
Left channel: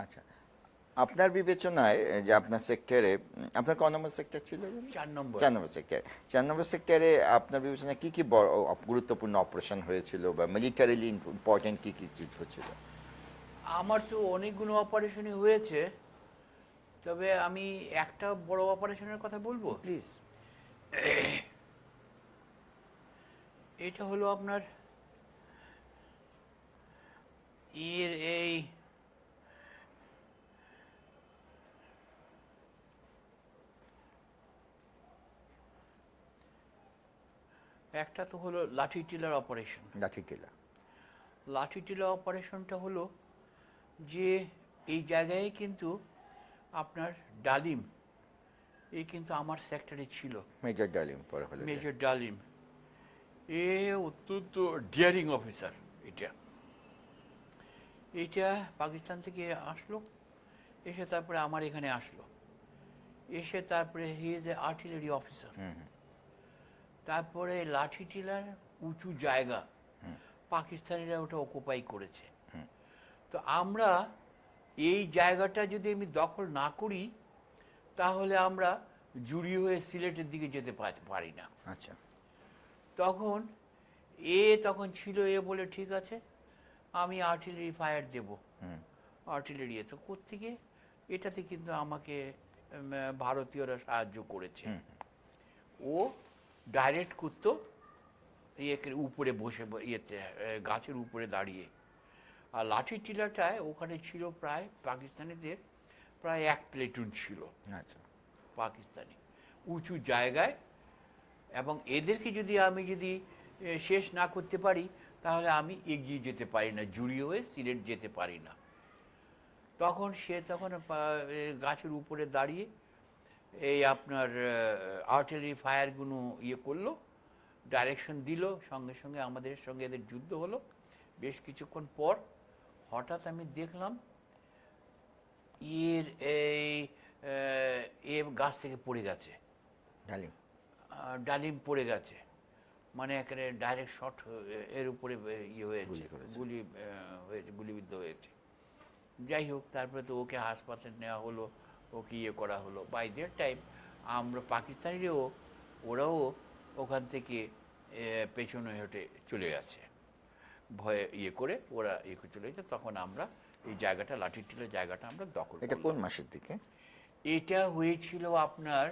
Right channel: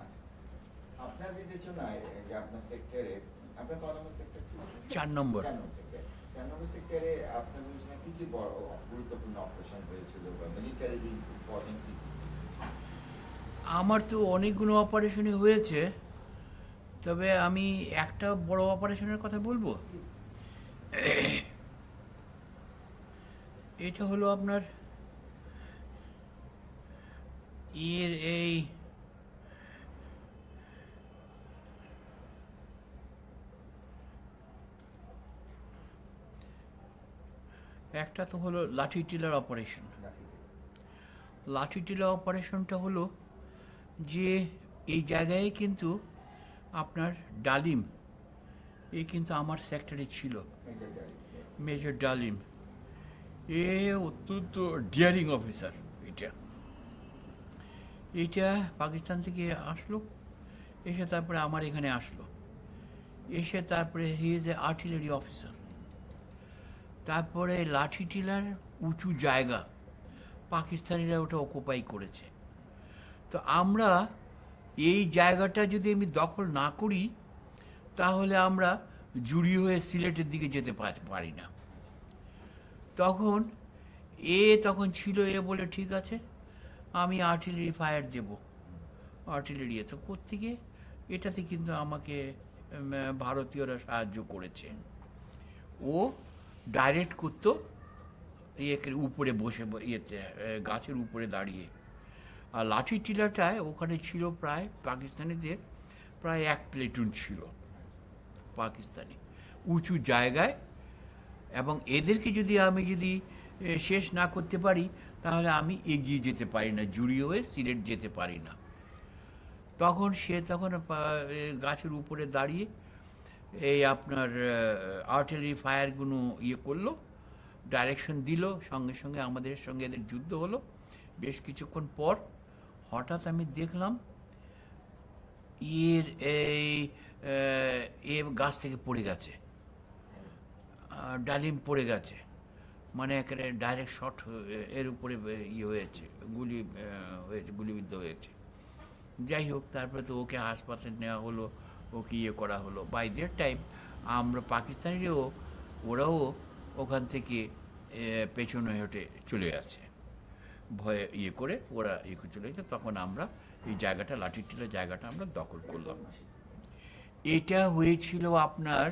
আচ্ছা আপনার বিবেচনায় যে আপনার সেক্টরে আপনার ক নম্বর সেক্টর ছিল 4 নম্বর। 4 নম্বর সেক্টর 4 নম্বর সেক্টরে আপনার বিবেচনায় কি কি বড় গুরুত্বপূর্ণ অপারেশন হয়েছিল বা মিলিটারিলি ইম্পর্টেন্ট কি কি যুদ্ধ ছিল আমার তো অনেকগুলো অপারেশনই হয়েছে, তবে আমি একটা বড় অপারেশনের কথা বলবো। প্লিজ এটা হলো আপনার এই একটা তো হলো লাঠি টিলার অপারেশন। লাঠি টেলা লাঠি টিলার অপারেশনটা হলো যে এই জায়গায় কিন্তু আপনার ডালিম, এ কিন্তু আমার সেক্টরে ছিল। মেজর ডালিম পরে হলো মেজর ডালিম, এ অত্যন্ত ডিয়ারিং অফিসার। এটা পাকিস্তান থেকে আসলো, এসে তারপরে আমার এখানে আসলো, এসে তারপরে he is a artillery officer. তারপরে লাঠি টিলার উঁচু জায়গা পাকিস্তানিরা ওটা অকুপাই করেছে। তো আমরা এই জায়গাটা যদি আমি দখল না করি, তাহলে আমরা জুড়ি হয়ে সিলেটের দিকে যেতে পারি না। আচ্ছা তখন তখন ছিল, বলে ঠিক আছে আমি আর্টিলারি ফায়ার দেবো। আর্টিলারি তো কোত্থেকে, এটাতে কিন্তু আমাকে ভারতীয়রা সাহায্য করেছে। ও ডাইরেক্ট করতো উপরে বসে, গাছের উপরে দাঁড়িয়ে। আর লাঠি টিলাটায় ওখানে ছিল প্রায় পাকিস্তানিদের প্রায় 1 প্লেটুন ছিল আচ্ছা পাকিস্তানি, উঁচু জায়গায়। এবং এদেরকে আমি যদি শেষ না করতে পারি, তাহলে আমি এগিয়ে যেতে পারি না, জুড়ি হয়ে সিলেট যেতে পারি না। তখন গাছের উপরে দাঁড়িয়ে এই আপনার আর্টিলারি ফায়ারগুলো করলো, ডাইরেকশন দিল, সঙ্গে সঙ্গে আমাদের সঙ্গে এদের যুদ্ধ হলো। বেশ কিছুক্ষণ পর হঠাৎ আমি দেখলাম গাছ থেকে পড়ে গেছে, ডালিম ডালিম পড়ে গেছে, মানে এখানে ডাইরেক্ট শট এর উপরে ইয়ে হয়েছে, হয়েছে, গুলিবিদ্ধ হয়েছে। যাই হোক, তারপরে তো ওকে হাসপাতালে নেওয়া হলো, ওকে ইয়ে করা হলো। বাই দ্যাট টাইম আমরা পাকিস্তানিরাও, ওরাও ওখান থেকে পেছনে হেঁটে চলে আসে, ভয়ে ইয়ে করে ওরা ইয়ে করে চলে গেছে। তখন আমরা এই জায়গাটা, লাঠিটিলা জায়গাটা আমরা দখল এটা কোন করলাম। মাসের দিকে? এটা হয়েছিল আপনার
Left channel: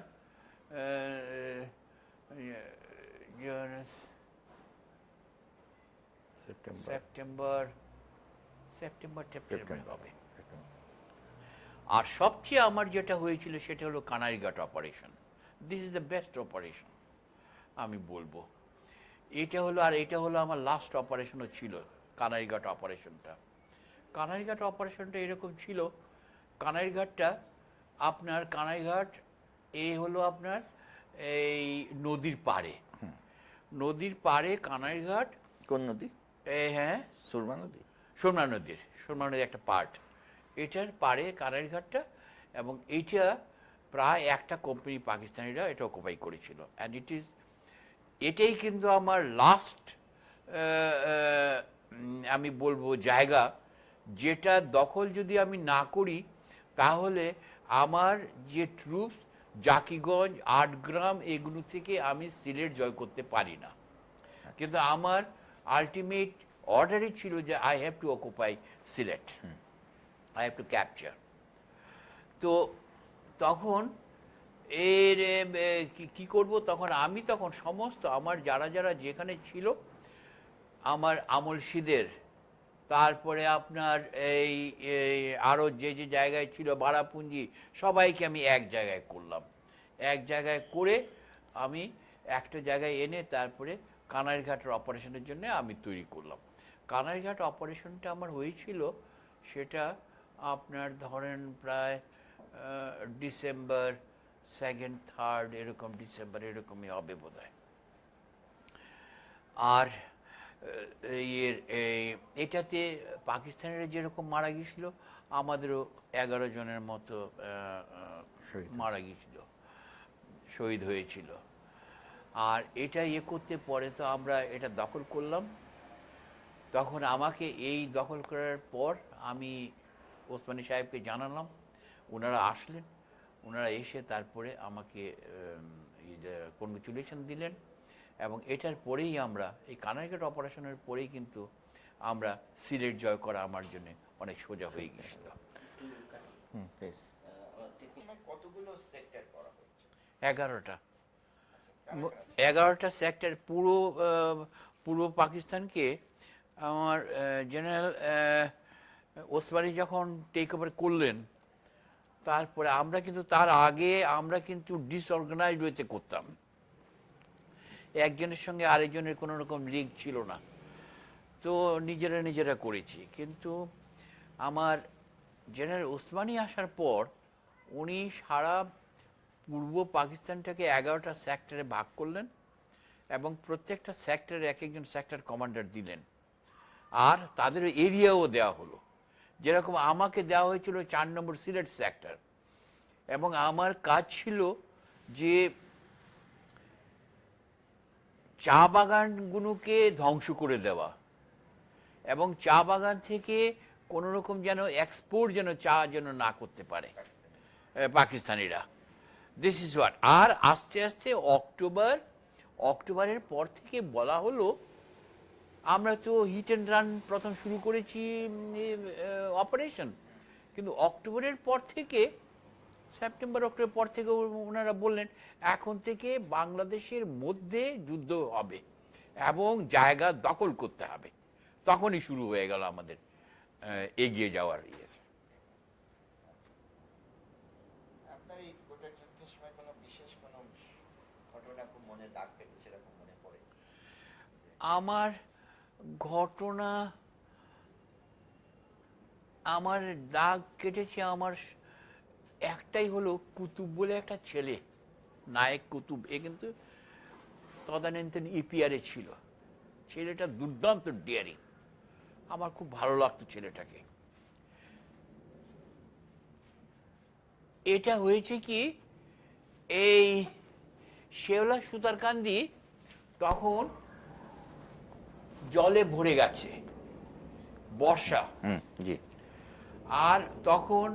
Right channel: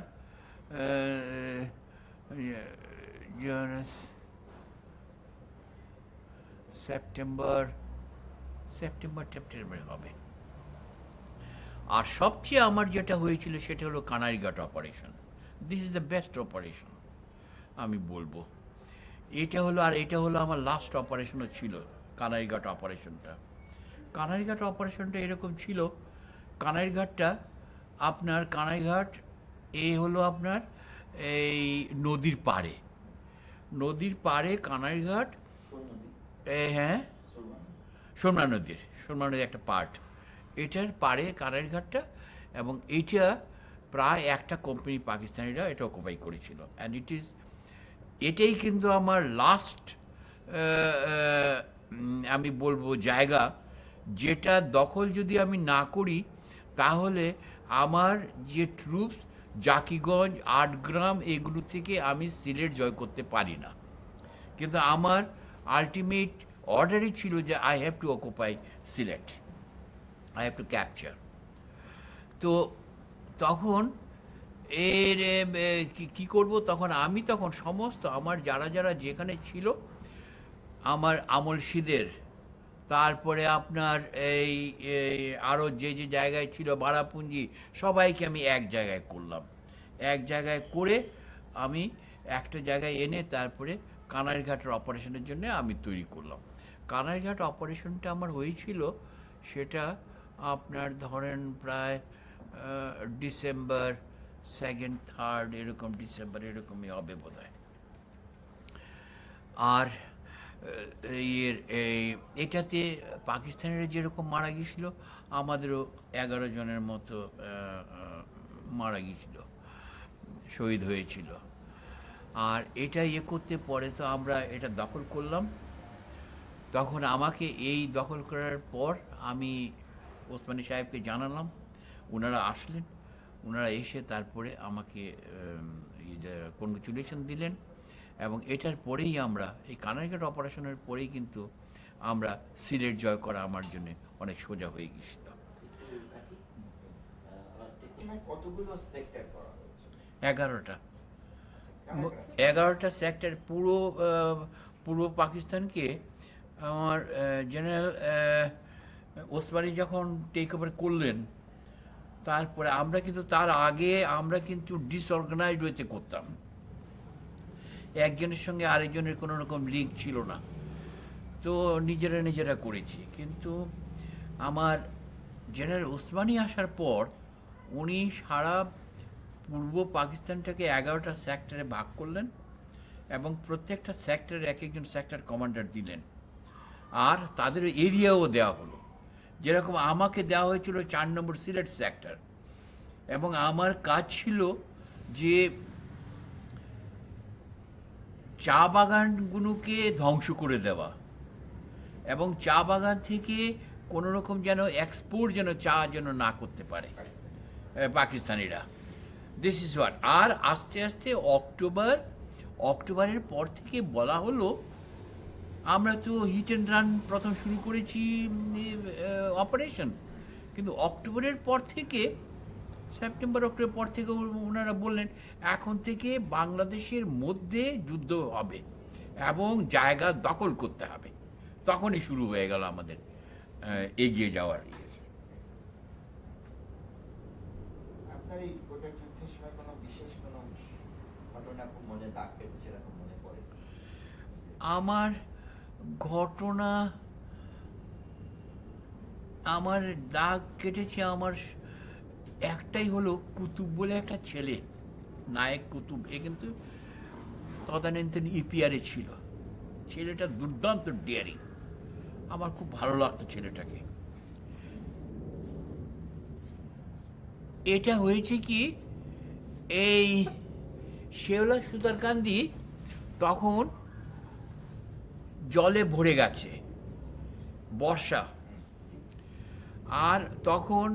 সেপ্টেম্বর সেপ্টেম্বর হবে। আর সবচেয়ে আমার যেটা হয়েছিল সেটা হলো Kanaighat operation. This is the best operation আমি বলবো। এটা হলো আমার লাস্ট অপারেশনও ছিল, কানাইঘাট অপারেশনটা। কানাইঘাট অপারেশনটা এরকম ছিল, কানাইঘাট হলো আপনার এই নদীর পাড়ে, কানাইঘাট। কোন নদী? হ্যাঁ, সুরমা নদী। সুরমা নদীর একটা পার্ট, এটার পাড়ে কানাইঘাটটা। এবং এইটা প্রায় একটা কোম্পানি পাকিস্তানিরা এটা অকুপাই করেছিল। অ্যান্ড এটাই কিন্তু আমার লাস্ট আমি বলবো জায়গা, যেটা দখল যদি আমি না করি তাহলে আমার যে ট্রুপস জাকিগঞ্জ, আটগ্রাম, এগুলো থেকে আমি সিলেট জয় করতে পারি না। কিন্তু আমার আলটিমেট অর্ডারই ছিল যে I have to occupy Sylhet, I have to capture. তো তখন কি করব, তখন সমস্ত আমার যারা যেখানে ছিল, আমার আমলসিদের, তারপরে আপনার এই আরও যে জায়গায় ছিল ভাড়াপুঞ্জি, সবাইকে আমি এক জায়গায় করলাম। এক জায়গায় করে আমি একটা জায়গায় এনে তারপরে কানাইঘাটের অপারেশনের জন্য আমি তৈরি করলাম। কানাইঘাট অপারেশনটা আমার হয়েছিল, সেটা আপনার ধরেন প্রায় ডিসেম্বর 2nd 3rd এরকম, ডিসেম্বর এরকমই হবে বোধহয়। আর এটাতে পাকিস্তানিরা যেরকম মারা গিয়েছিল, আমাদেরও 11 জনের মতো মারা গিয়েছিল, শহীদ হয়েছিল। আর এটা করতে পরে তো আমরা এটা দখল করলাম। তখন আমাকে এই দখল করার পর আমি ওসমানী সাহেবকে জানালাম, ওনারা আসলেন, ওনারা এসে তারপরে আমাকে কনগ্রেচুলেশন দিলেন। এবং এটার পরেই আমরা এই কানাইঘাট অপারেশনের পরেই কিন্তু আমরা সিলেট জয় করা আমার জন্য অনেক সোজা হয়ে গেছিল। কতগুলো সেক্টর করা হয়েছে? 11টা সেক্টর, পূর্ব পাকিস্তানকে আমার জেনারেল ওসমানী যখন টেক ওভার করলেন, তারপরে আমরা কিন্তু তার আগে আমরা কিন্তু ডিসঅর্গানাইজড হয়েছে করতাম, একজনের সঙ্গে আরেকজনের কোনো রকম লিঙ্ক ছিল না, তো নিজেরা করেছি। কিন্তু আমার জেনারেল ওসমানী আসার পর উনি সারা পূর্ব পাকিস্তানটাকে 11টা সেক্টরে ভাগ করলেন এবং প্রত্যেকটা সেক্টরে এক একজন সেক্টর কমান্ডার দিলেন, আর তাদের এরিয়াও দেওয়া হলো। যেরকম আমাকে দেওয়া হয়েছিল 4 নম্বর সিলেট সেক্টর, এবং আমার কাজ ছিল যে চা বাগানগুলোকে ধ্বংস করে দেওয়া এবং চা বাগান থেকে কোনো রকম যেন এক্সপোর্ট চা যেন না করতে পারে পাকিস্তানিরা। This is what. আর আস্তে আস্তে অক্টোবরের পর থেকে বলা হলো, আমরা তো হিট অ্যান্ড রান প্রথম শুরু করেছি অপারেশন, কিন্তু অক্টোবরের পর থেকে, সেপ্টেম্বর অক্টোবর পর থেকে ওনারা বললেন এখন থেকে বাংলাদেশের মধ্যে যুদ্ধ হবে এবং জায়গা দখল করতে হবে। তখনই শুরু হয়ে গেল আমাদের এগিয়ে যাওয়ার ইয়ে। আপনার এই গোটা যুদ্ধের সময় কোনো বিশেষ কোনো ঘটনা খুব মনে দাগ কেটেছে, এরকম মনে পড়ে? আমার ঘটনা, আমার দাগ কেটেছে আমার একটাই হলো, কুতুব বলে একটা ছেলে, নায়েক কুতুব, এ কিন্তু তদানীন্তন ইপিআরে ছিল। ছেলেটা দুর্দান্ত ডিয়ারিং, আমার খুব ভালো লাগতো ছেলেটাকে। এটা হয়েছে কি, এই শেওলা সুতারকান্দি তখন জলে ভরে গেছে, বর্ষা। জি। আর তখন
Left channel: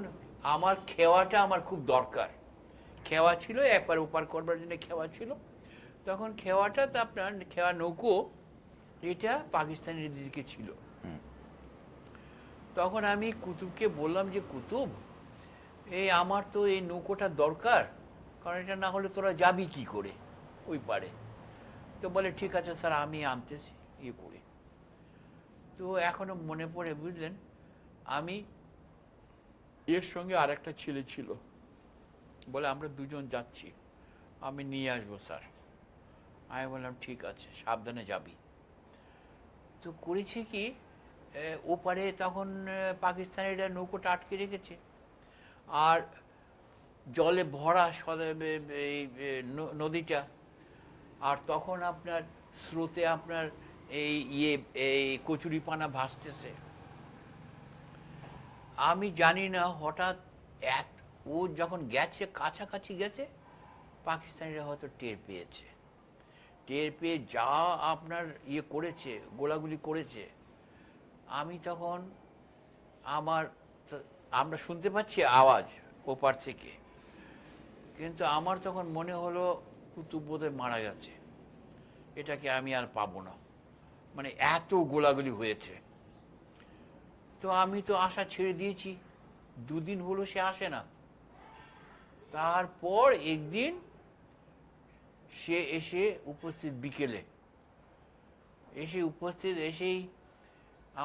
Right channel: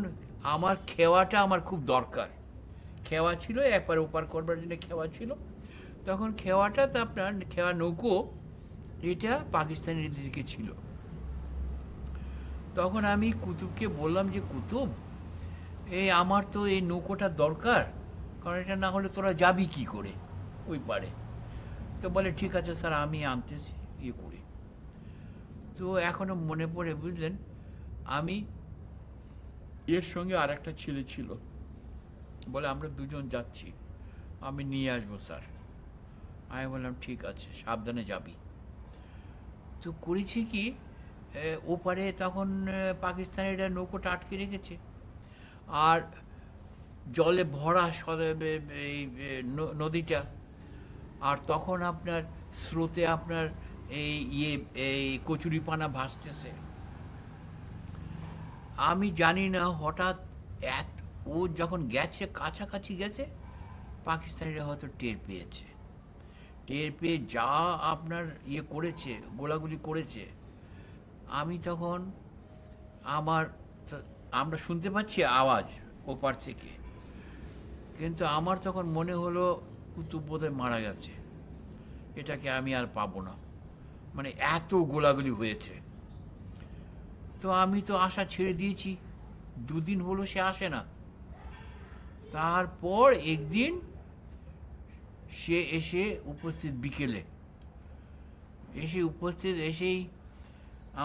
আমার খেওয়াটা আমার খুব দরকার, খেওয়া ছিল একবার ওপার করবার জন্য, খেওয়া ছিল। তখন খেওয়াটা তো আপনার খেওয়া নৌকো এটা পাকিস্তানের দিকে ছিল। তখন আমি কুতুবকে বললাম যে কুতুব, এই আমার তো এই নৌকোটা দরকার, কারণ এটা না হলে তোরা যাবি কি করে ওই পারে। তো বলে ঠিক আছে স্যার, আমি আনতেছি ইয়ে করে। তো এখনো মনে পড়ে, বুঝলেন, আমি এর সঙ্গে আর একটা ছেলে ছিল, বলে আমরা দুজন যাচ্ছি, আমি নিয়ে আসবো স্যার। আমি বললাম ঠিক আছে, সাবধানে যাবি। তো করেছি কি, ওপারে তখন পাকিস্তানিরা নৌকোটা আটকে রেখেছে, আর জলে ভরা এই নদীটা। আর তখন আপনার স্রোতে আপনার এই কচুরিপানা ভাসতেছে। আমি জানি না, হঠাৎ ও যখন গেছে, কাছাকাছি গেছে, পাকিস্তানিরা হয়তো টের পেয়েছে। টের পেয়ে যা আপনার করেছে, গোলাগুলি করেছে। আমি তখন আমরা শুনতে পাচ্ছি আওয়াজ ওপার থেকে, কিন্তু আমার তখন মনে হলো কুতুব বোধহয় মারা গেছে, এটাকে আমি আর পাবো না, মানে এত গোলাগুলি হয়েছে। তো আমি তো আশা ছেড়ে দিয়েছি, দুদিন হলো সে আসে না। তারপর একদিন সে এসে উপস্থিত, বিকেলে এসেই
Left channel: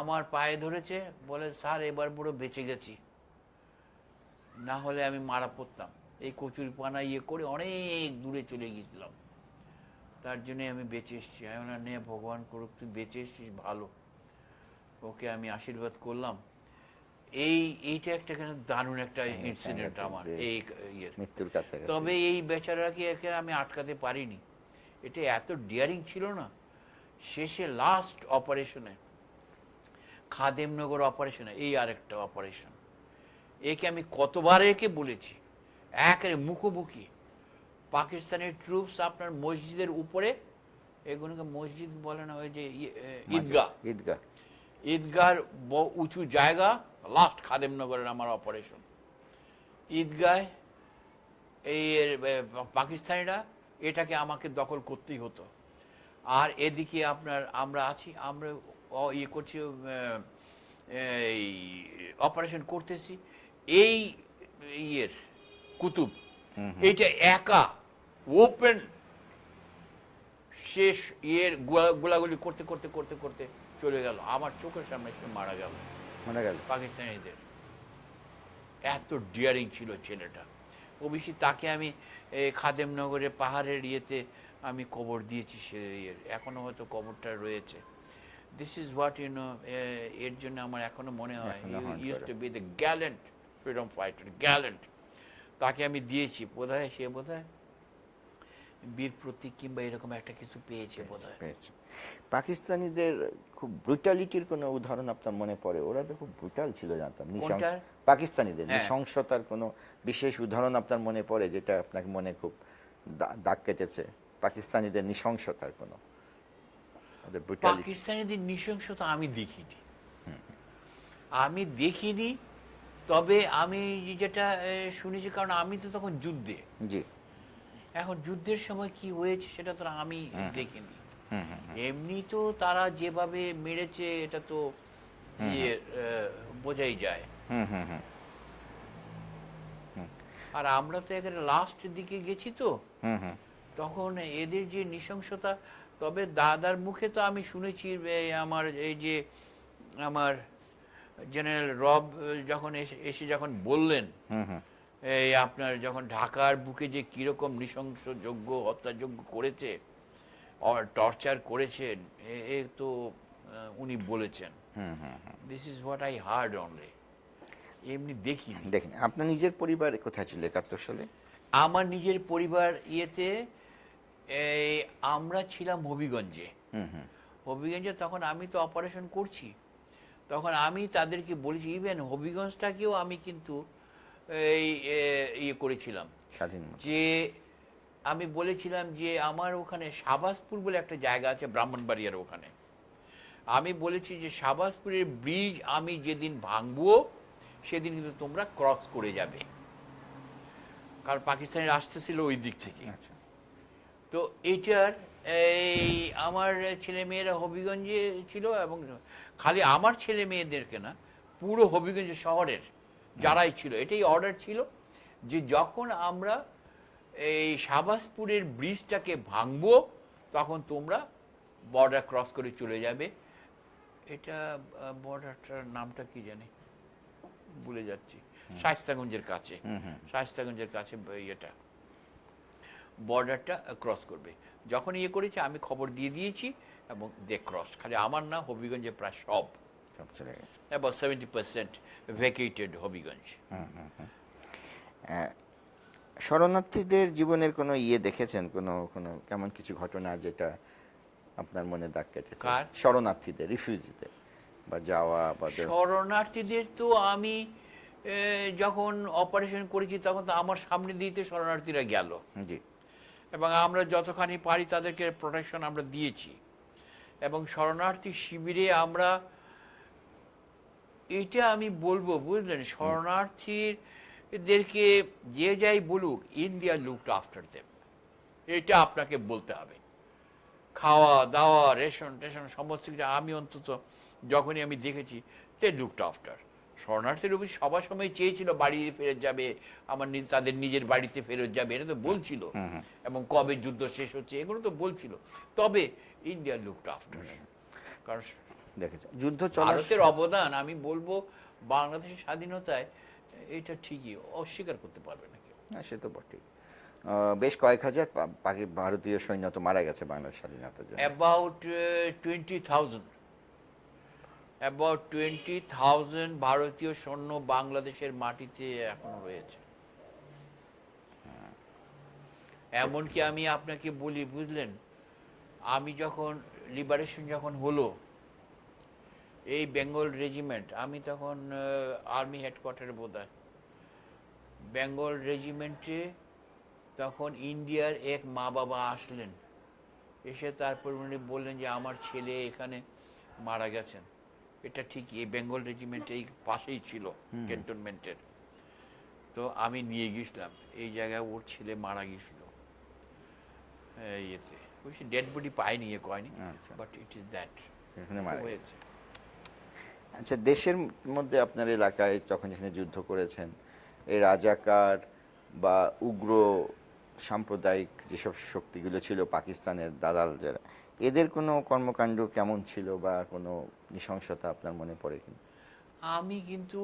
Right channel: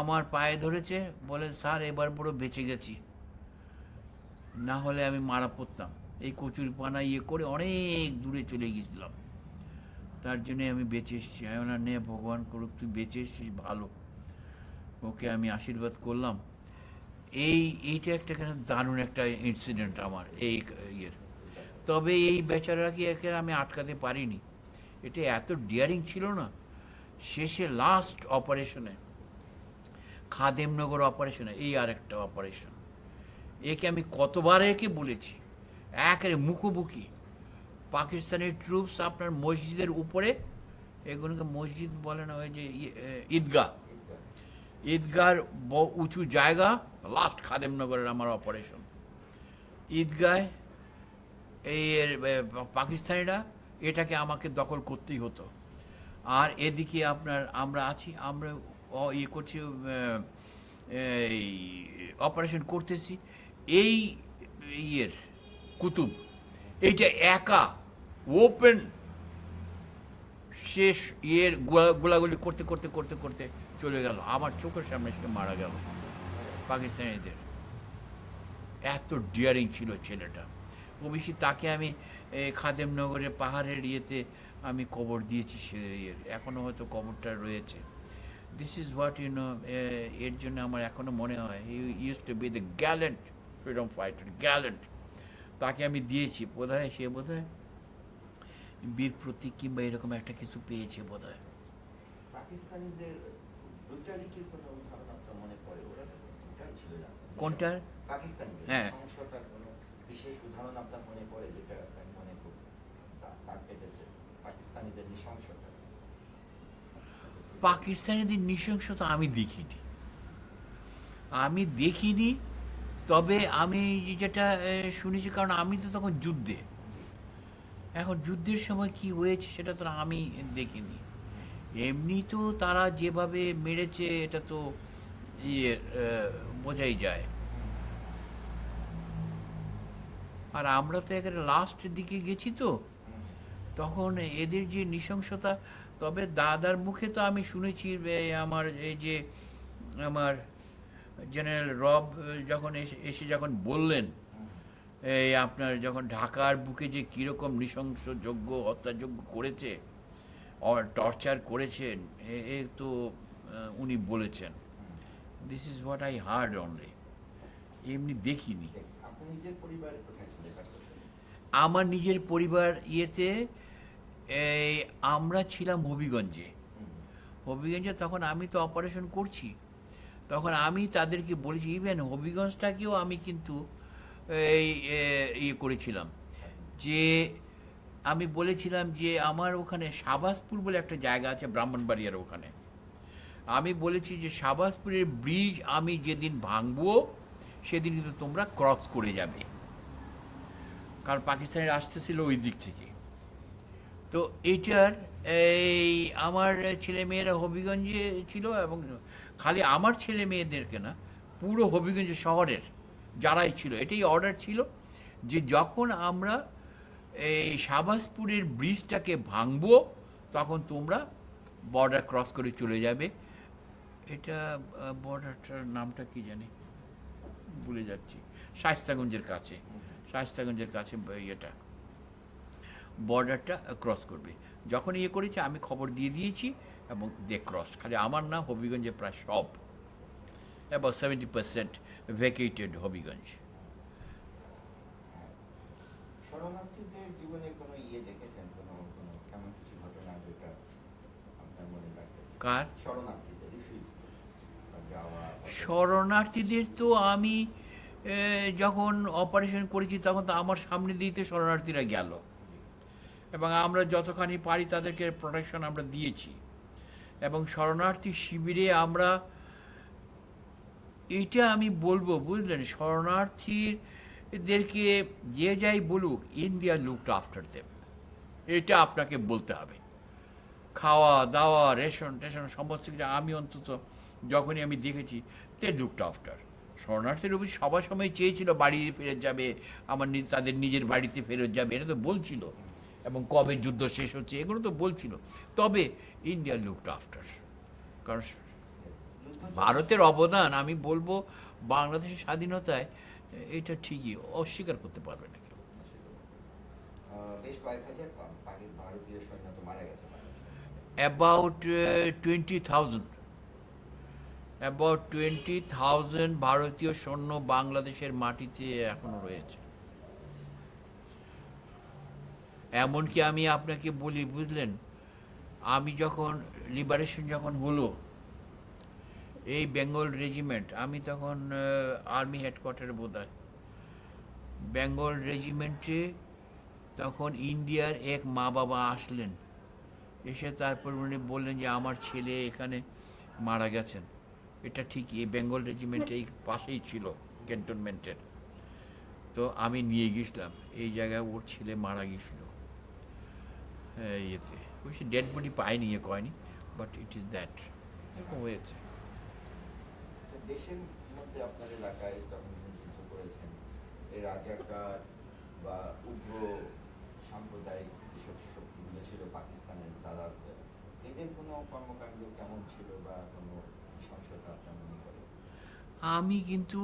আমার পায়ে ধরেছে, বলে স্যার এবার বড় বেঁচে গেছি, না হলে আমি মারা পড়তাম। এই কচুরিপানা করে অনেক দূরে চলে গেছিলাম, তার জন্যে আমি বেঁচে এসেছি। আমি ওনার নে ভগবান করুক, তুই বেঁচে এসেছিস, ভালো। ওকে আমি আশীর্বাদ করলাম। এইটা একটা দারুণ একটা ইনসিডেন্ট আমার এই ইয়ের। মৃত্যুর কাছে। তবে এই বেচারাকে একে আমি আটকাতে পারিনি, এটা এত ডিয়ারিং ছিল না। শেষে লাস্ট অপারেশনে, খাদেমনগর অপারেশনে, এই আরেকটা অপারেশন, একে আমি কতবার একে বলেছি, একেবারে মুখোমুখি পাকিস্তানের ট্রুপস আপনার মসজিদের উপরে, এগুলোকে মসজিদ বলে না, ওই যে ঈদগাহ, ঈদগাহর উঁচু জায়গা, লাস্ট খাদেমনগরের আমার অপারেশন। ঈদগাহ পাকিস্তানিরা এটাকে আমাকে দখল করতেই হতো, আর এদিকে আপনার আমরা আছি, আমরা করছি, এই অপারেশন করতেছি। এই কুতুব এইটা একা ওপেন শেষ গোলাগুলি করতে করতে করতে করতে চলে গেল, আমার চোখের সামনে সে মারা গেল পাকিস্তানিদের। এত ডিয়ারিং ছিল ছেলেটা। অবশ্যই তাকে আমি খাদেমনগরের পাহাড়ের আমি কবর দিয়েছি, সে এখনো হয়তো কবরটা রয়েছে। দিস ইজ হোয়াট এর জন্য আমার এখনো মনে হয় use to B the Gallant freedom fighter, Gallant. তাকে আমি দিয়েছি, বোধহয় সে বোধহয় বীর প্রতীক কিংবা এরকম একটা কিছু পেয়েছে বোধহয়। পাকিস্তানিদের খুব ব্রুটালিটির কোনো উদাহরণ আপনার মনে পড়ে? ওরা তো খুব ব্রুটাল ছিল, জানতাম। পাকিস্তানিদের নৃশংসতার কোনো বিশেষ উদাহরণ আপনার মনে পড়ে, যেটা আপনাকে মনে খুব দাগ কেটেছে? পাকিস্তানিদের নৃশংসতার কোনো? পাকিস্তানিদের নৃশংসতা আমি দেখিনি, তবে আমি যেটা শুনেছি, কারণ আমি তো তখন যুদ্ধে। জি। এখন যুদ্ধের সময় কি হয়েছে সেটা তো আমি দেখিনি। এমনি তো তারা যেভাবে মেরেছে এটা তো বোঝাই যায়। আর আমরা তো একেবারে লাস্টের দিকে গেছি, তো তখন এদের যে নৃশংসতা, তবে দাদার মুখে তো আমি শুনেছি, আমার আমার জেনারেল রব যখন এসে যখন বললেন, এই আপনার যখন ঢাকার বুকে যে কিরকম নৃশংসযোগ্য হত্যাযোগ্য করেছে, টর্চার করেছেন, তো উনি বলেছেন। This is what I hard only, এমনি দেখিনি। দেখেন, আপনার নিজের পরিবার কোথায় ছিল 71 সালে? আমার নিজের পরিবার আমরা ছিলাম হবিগঞ্জে। হবিগঞ্জে তখন আমি তো অপারেশন করছি, তখন আমি তাদেরকে বলেছি, ইভেন হবিগঞ্জটাকেও আমি কিন্তু করেছিলাম, যে আমি বলেছিলাম যে আমার ওখানে শাহবাজপুর বলে একটা জায়গা আছে ব্রাহ্মণবাড়িয়ার ওখানে, আমি বলেছি যে শাহবাজপুরের ব্রিজ আমি যেদিন ভাঙবো সেদিন কিন্তু তোমরা ক্রস করে যাবে, কারণ পাকিস্তানের আসতেছিল ওই দিক থেকে। আচ্ছা। তো এইটার এই আমার ছেলে মেয়েরা হবিগঞ্জে ছিল, এবং খালি আমার ছেলে মেয়েদেরকে না, পুরো হবিগঞ্জ শহরের যারাই ছিল, এটাই অর্ডার ছিল যে যখন আমরা এই শাহবাজপুরের ব্রিজটাকে ভাঙবো তখন তোমরা বর্ডার ক্রস করে চলে যাবে। এটা বর্ডারটার নামটা কি জানি, ভুলে যাচ্ছি, শায়েস্তাগঞ্জের কাছে, শায়েস্তাগঞ্জের কাছে এটা বর্ডারটা ক্রস করবে। যখন ইয়ে করেছে আমি খবর দিয়ে দিয়েছি এবং দে ক্রস, খালি আমার না, হবিগঞ্জে প্রায় সব সব চলে গেছে। অ্যাবাউট 70% ভ্যাকেটেড হবিগঞ্জ। শরণার্থীদের জীবনের কোনো ইয়ে দেখেছেন, কোনো কোনো কেমন কিছু ঘটনা যেটা আপনার মনে দাগ কেটেছে? কার? শরণার্থীদের, রিফিউজিদের, বা যাওয়া বা শরণার্থীদের তো আমি যখন অপারেশন করেছি তখন তো আমার সামনে দিয়ে তো শরণার্থীরা গেল, জি এবং আমরা যতখানি পারি তাদেরকে প্রোটেকশন আমরা দিয়েছি। এবং শরণার্থী শিবিরে আমরা, এটা আমি বলবো বুঝলেন, শরণার্থীদেরকে যে যাই বলুক, ইন্ডিয়া লুকড আফটার দেম, এটা আপনাকে বলতে হবে। খাওয়া দাওয়া, রেশন টেশন সমস্ত কিছু আমি অন্তত যখনই আমি দেখেছি, তে লুকড আফটার। শরণার্থীর উপর সবার সময় চেয়েছিল বাড়ি ফেরত যাবে, আমার তাদের নিজের বাড়িতে ফেরত যাবে, এটা তো বলছিল, এবং কবে যুদ্ধ শেষ হচ্ছে এগুলো তো বলছিল। তবে ইন্ডিয়া লুকড আফটার, কারণ দেখেছেন যুদ্ধ চলার ভারতের অবদান আমি বলবো বাংলাদেশের স্বাধীনতায়, এটা ঠিকই অস্বীকার করতে পারবে না কেউ। হ্যাঁ, সে তো বটে। বেশ কয়েক হাজার ভারতীয় সৈন্য তো মারা গেছে বাংলাদেশ স্বাধীনতার জন্য। অ্যাবাউট 20,000 ভারতীয় সৈন্য বাংলাদেশের মাটিতে এখনো রয়েছে। এমনকি আমি আপনাকে বলি বুঝলেন, আমি যখন লিবারেশন যখন হলো, এই বেঙ্গল রেজিমেন্ট, আমি তখন আর্মি হেডকোয়ার্টারে বোধহয়, বেঙ্গল রেজিমেন্টে তখন ইন্ডিয়ার এক মা বাবা আসলেন, এসে তারপর উনি বললেন যে আমার ছেলে এখানে মারা গেছেন। এটা ঠিক এই বেঙ্গল রেজিমেন্ট এই পাশেই ছিল ক্যান্টনমেন্টের। তো আমি নিয়ে গেছিলাম, এই জায়গায় ওর ছেলে মারা গেছিল ইয়েতে, ওই ডেড বডি পাইনি, ইয়ে কয়নি, বাট ইট ইজ দ্যাট এখানে মারা গেছে। হয়েছে। আচ্ছা, দেশের মধ্যে আপনার এলাকায় যখন এখানে যুদ্ধ করেছেন, এই রাজাকার বা উগ্র সাম্প্রদায়িক যেসব শক্তিগুলো ছিল, পাকিস্তানের দালাল যারা, এদের কোনো কর্মকাণ্ড কেমন ছিল বা কোনো নৃশংসতা আপনার মনে পড়ে কি? আমি কিন্তু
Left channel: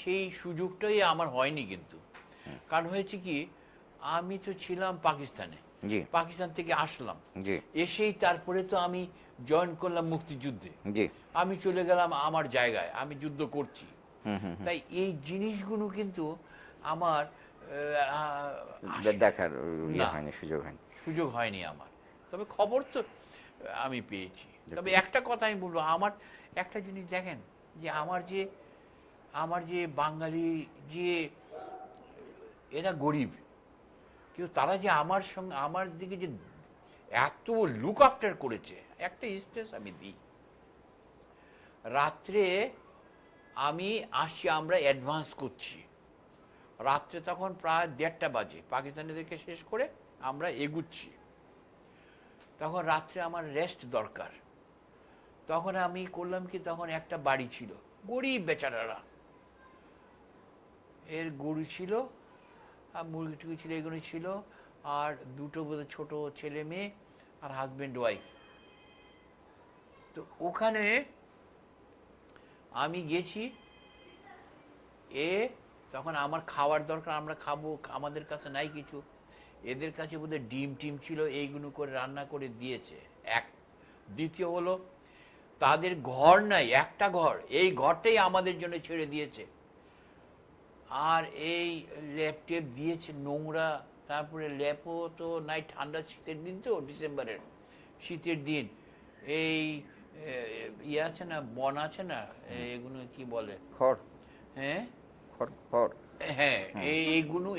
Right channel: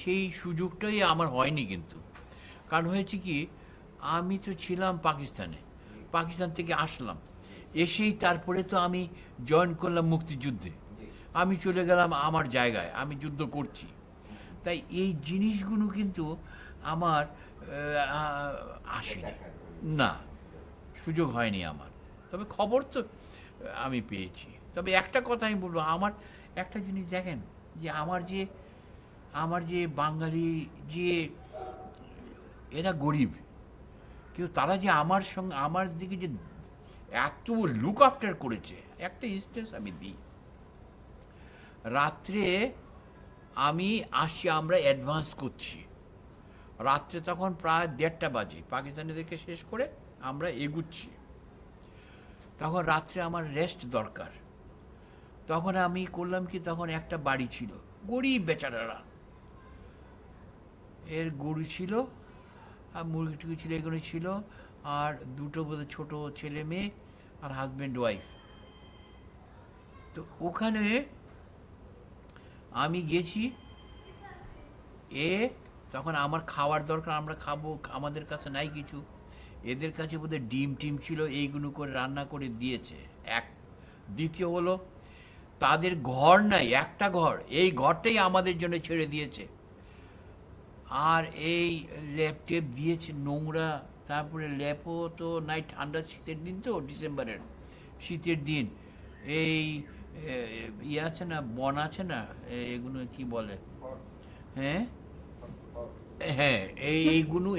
সেই সুযোগটাই আমার হয়নি কিন্তু, কারণ হয়েছে কি, আমি তো ছিলাম পাকিস্তানে, জি পাকিস্তান থেকে আসলাম, জি এসেই তারপরে তো আমি জয়েন করলাম মুক্তিযুদ্ধে, জি আমি চলে গেলাম আমার জায়গায়, আমি যুদ্ধ করছি। তাই এই জিনিসগুলো কিন্তু আমার দেখার না, হয়নি, সুযোগ হয়নি। সুযোগ হয়নি আমার, তবে খবর তো আমি পেয়েছি। তবে একটা কথা আমি বলবো, আমার একটা জিনিস দেখেন, যে আমার যে বাঙালি যে এরা গরিব, কিন্তু তারা যে আমার সঙ্গে আমার দিকে যে এত লুক আফটার করেছে। একটা স্টেজ আমি দিই, রাত্রে আমি আসছি, আমরা অ্যাডভান্স করছি, রাত্রে তখন প্রায় 1:30 বাজে, পাকিস্তানিদেরকে শেষ করে আমরা এগুচ্ছি, তখন রাত্রে আমার রেস্ট দরকার। তখন আমি করলাম কি, তখন একটা বাড়ি ছিল, গরিব বেচারারা, এর গরু ছিল আর মুরগি টুকি ছিল, এগুলো ছিল, আর দুটো বোধহয় ছোট ছেলে মেয়ে আর হাজব্যান্ড ওয়াইফ। তো ওখানে আমি গেছি, তখন আমার খাওয়ার দরকার, আমরা খাবো, আমাদের কাছে নাই কিছু, এদের কাছে বোধহয় ডিম টিম ছিল, এইগুলো করে রান্না করে দিয়েছে এক। দ্বিতীয় হলো, তাদের ঘর নাই, একটা ঘর, এই ঘরটাই আমাদের জন্য ছেড়ে দিয়েছে, আর এই ল্যাপ টেপ দিয়েছে নোংরা, তারপরে ল্যাপও তো নাই, ঠান্ডা শীতের দিন তো, ডিসেম্বরের শীতের দিন, এই ইয়ে আছে না, বন আছে না, এগুলো কি বলে, খড়, হ্যাঁ খড়, খড়। হ্যাঁ,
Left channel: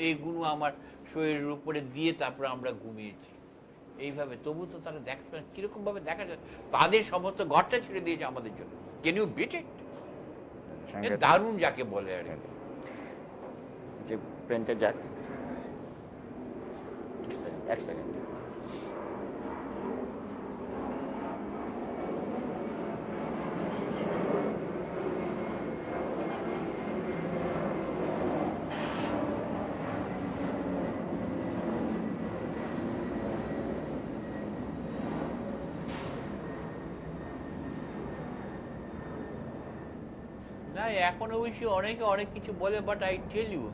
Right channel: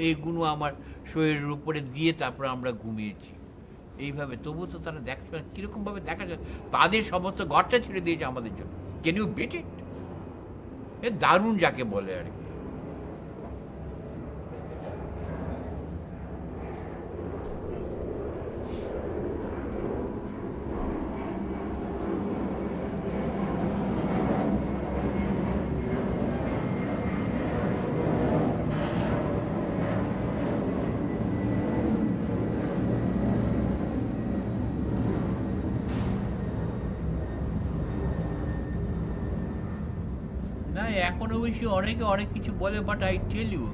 এইগুলো আমার শরীরের উপরে দিয়ে তারপর আমরা ঘুমিয়েছি। এইভাবে, তবু তো তারা দেখা কিরকম ভাবে দেখা যায়, তাদের সমস্ত ঘরটা ছেড়ে দিয়েছে আমাদের জন্য। ক্যান ইউ বেট ইট? দারুণ যাকে বলে আর কি। যে প্লেনটা যাক, এক সেকেন্ড। না, এখন অবশ্যই অনেকে অনেক কিছু বলে, বাট আই টেল ইউ,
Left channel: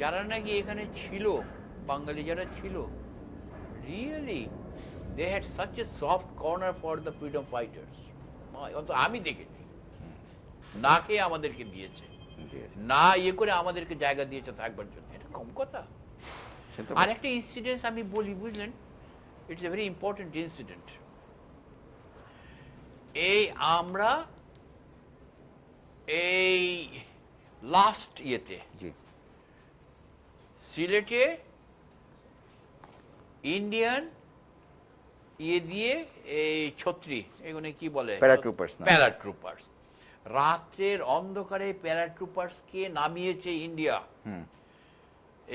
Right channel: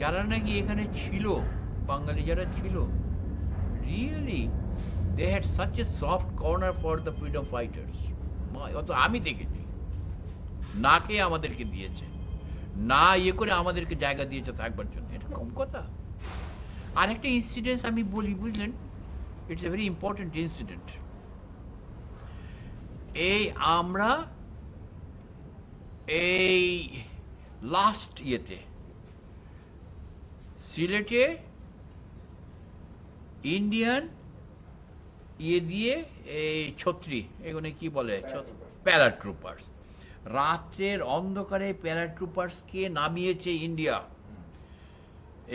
যারা নাকি এখানে ছিল, বাঙালি যারা ছিল, really they had such a soft corner for the freedom fighters. অত আমি দেখেছি, না খেয়ে আমাদেরকে দিয়েছে, না ইয়ে করে আমাদেরকে জায়গা দিয়েছে থাকবার জন্য। এটা কম কথা। আর একটা ইনসিডেন্ট আমি বলি, বুঝলেন, it's a very important incident. এই আমরা এই লাস্ট ইয়েতে জি, সিলেটে ইন্ডিয়ান ইয়ে দিয়ে এই ছত্রি, এগুলো কি বলে, প্যারাট্রুপার্স না? প্যারাট্রুপার্স, রাত্রের অন্ধকারে প্যারাট্রুপার্সকে নামিয়েছে ইন্ডিয়া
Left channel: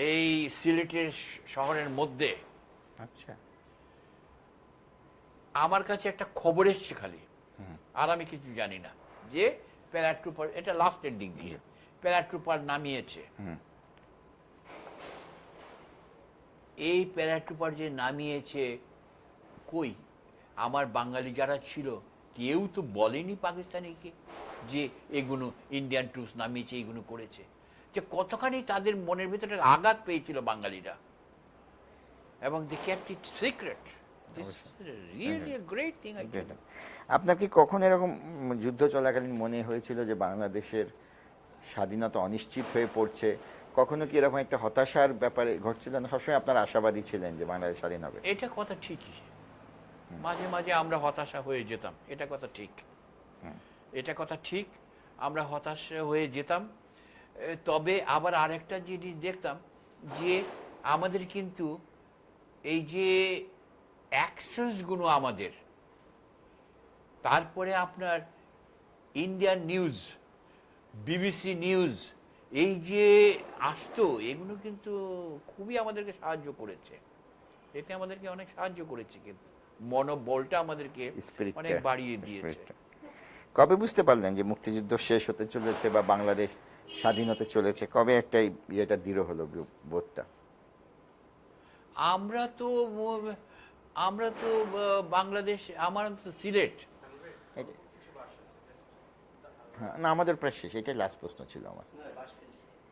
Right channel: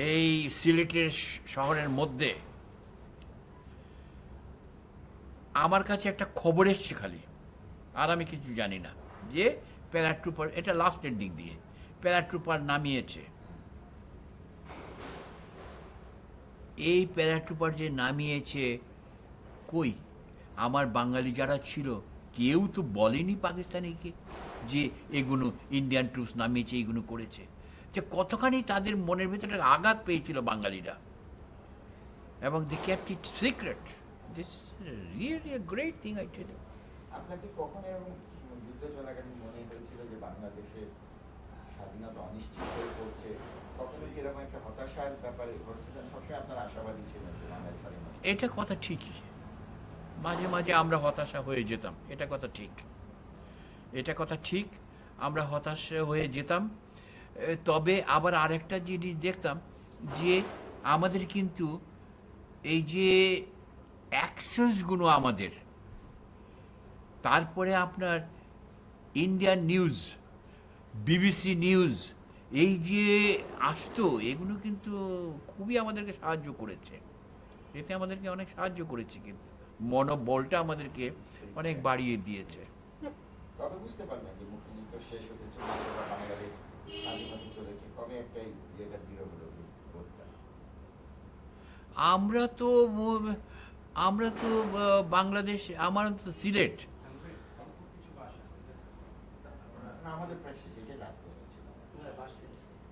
এই সিলেটের শহরের মধ্যে। আচ্ছা, আমার কাছে একটা খবর এসছে খালি, আর আমি কিছু জানি না, যে প্যারাট্রুপার, এটা লাস্টের দিক দিয়ে প্যারাট্রুপার নামিয়েছে। এই প্যারাট্রুপার যে নামিয়েছে, কই আমার বাঙালি যারা ছিল কেউ তো বলেনি পাকিস্তানিকে যে এগুলো ইন্ডিয়ান ট্রুপস নামিয়েছে, এইগুলো করেছে। যে কতখানি তাদের মনের ভিতরে আঘাত পেয়েছিল বাঙালিরা, এবং they kept it secret. This really a great thing. আপনার কি কখন এরকম যুদ্ধ চলাকালীন মনে হয়েছিল যে বাংলাদেশের স্বাধীনতা অনিশ্চিত হয়ে পড়ছে? কখনো কি এরকম একটা হতাশার ব্যাপারে ঘটছিল না? সবসময় আপনার আশাবাদী ছিলেন যে বাংলাদেশ স্বাধীন হবে? এটা কথা ঠিকই, মাঝে মাঝে আমরা হতাশা হয়ে যেতাম, এটা কথা ঠিক, এটা কথা ঠিক, আমরা হতাশা হয়ে যেতাম। তবে আবার আরেকটা জিনিস দেখতাম, যে আমাদের কিন্তু এই যে অ্যাকসেসগুলো আমাদের, তারপরে আপনার ইন্ডিয়ান নিউজ, বিবিসি নিউজ, এই যে আসতো, এগুলো কিন্তু খুবই আমাদেরকে সাহায্য করেছে। এতে আমাদেরকে অনেক সাহায্য করেছে, কিন্তু মনোবলটা আমাদেরকে Spirit-টা, অনেক বাড়িয়ে দিয়েছে। spirit-টা। কবে বুঝতে পারলেন যে মুক্তিযুদ্ধ শেষ হতে চলেছে বা বাংলাদেশ স্বাধীন হতে চলেছে? কবে একটা ইয়েটা দৃঢ় হলো, বোধটা? আমরা তো বাংলাদেশ, আমার তো সিলেট। হ্যাঁ, না, আমাদের প্রায় শেষ, এটাই লাস্ট প্রশ্ন ছিল আমার।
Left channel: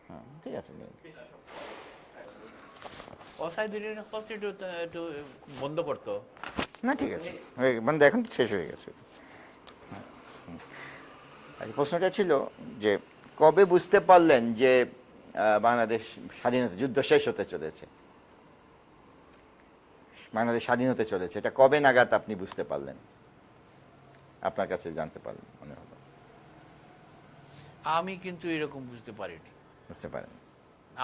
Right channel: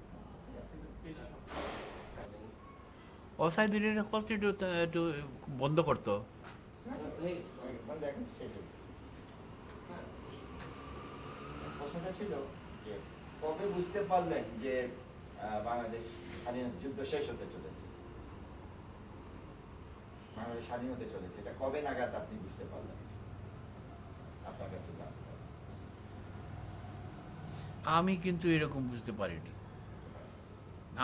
হ্যাঁ, ঠিক আছে। অসাইদিনের কথা একটু বন্ধ করতো। না, ঠিক আছে, মানে এখন তো শেষ হয়ে গেছে। আর প্রশ্নটা ছিল যে কবে বুঝতে পারলেন যে বাংলাদেশ স্বাধীনতা, যুদ্ধ শেষ হতে চলেছে, বাংলাদেশ স্বাধীন হতে চলেছে, এটা কবে নাগাদ আপনি বুঝতে পারলেন? আপনার কাছে জানতে পারলেন মনে হলো? আমি কিন্তু এরকম বুঝতে পারিনি। বুঝতে পারেন?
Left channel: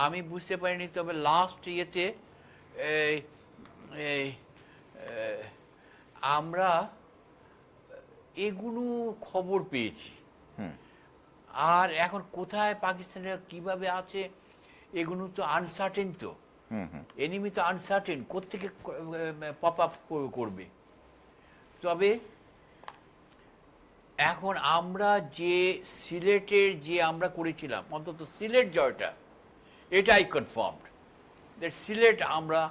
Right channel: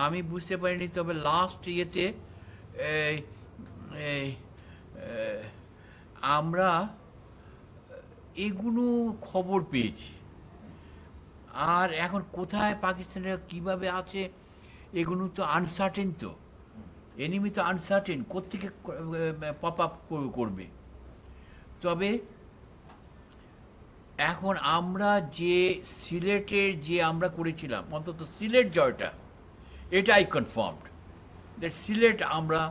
আমি বুঝতে পারিনি, তবে লাস্ট ইয়েতে এই এই আমরা এগুলো খবর পেয়েছি। আর এখন কোথায় পাকিস্তানিরা কিভাবে আছে, এগুলো তো আনসার্টেন, তো এনিমি তো আনসার্টেন, কোত্থেকে পপ আপ করবে। তবে এখন আমরা যে সিলেটের যে আমরা করেছিলাম, অন্তত সিলেট জয়টা, এটাই কনফার্মড দ্যাট সিলেট আমরা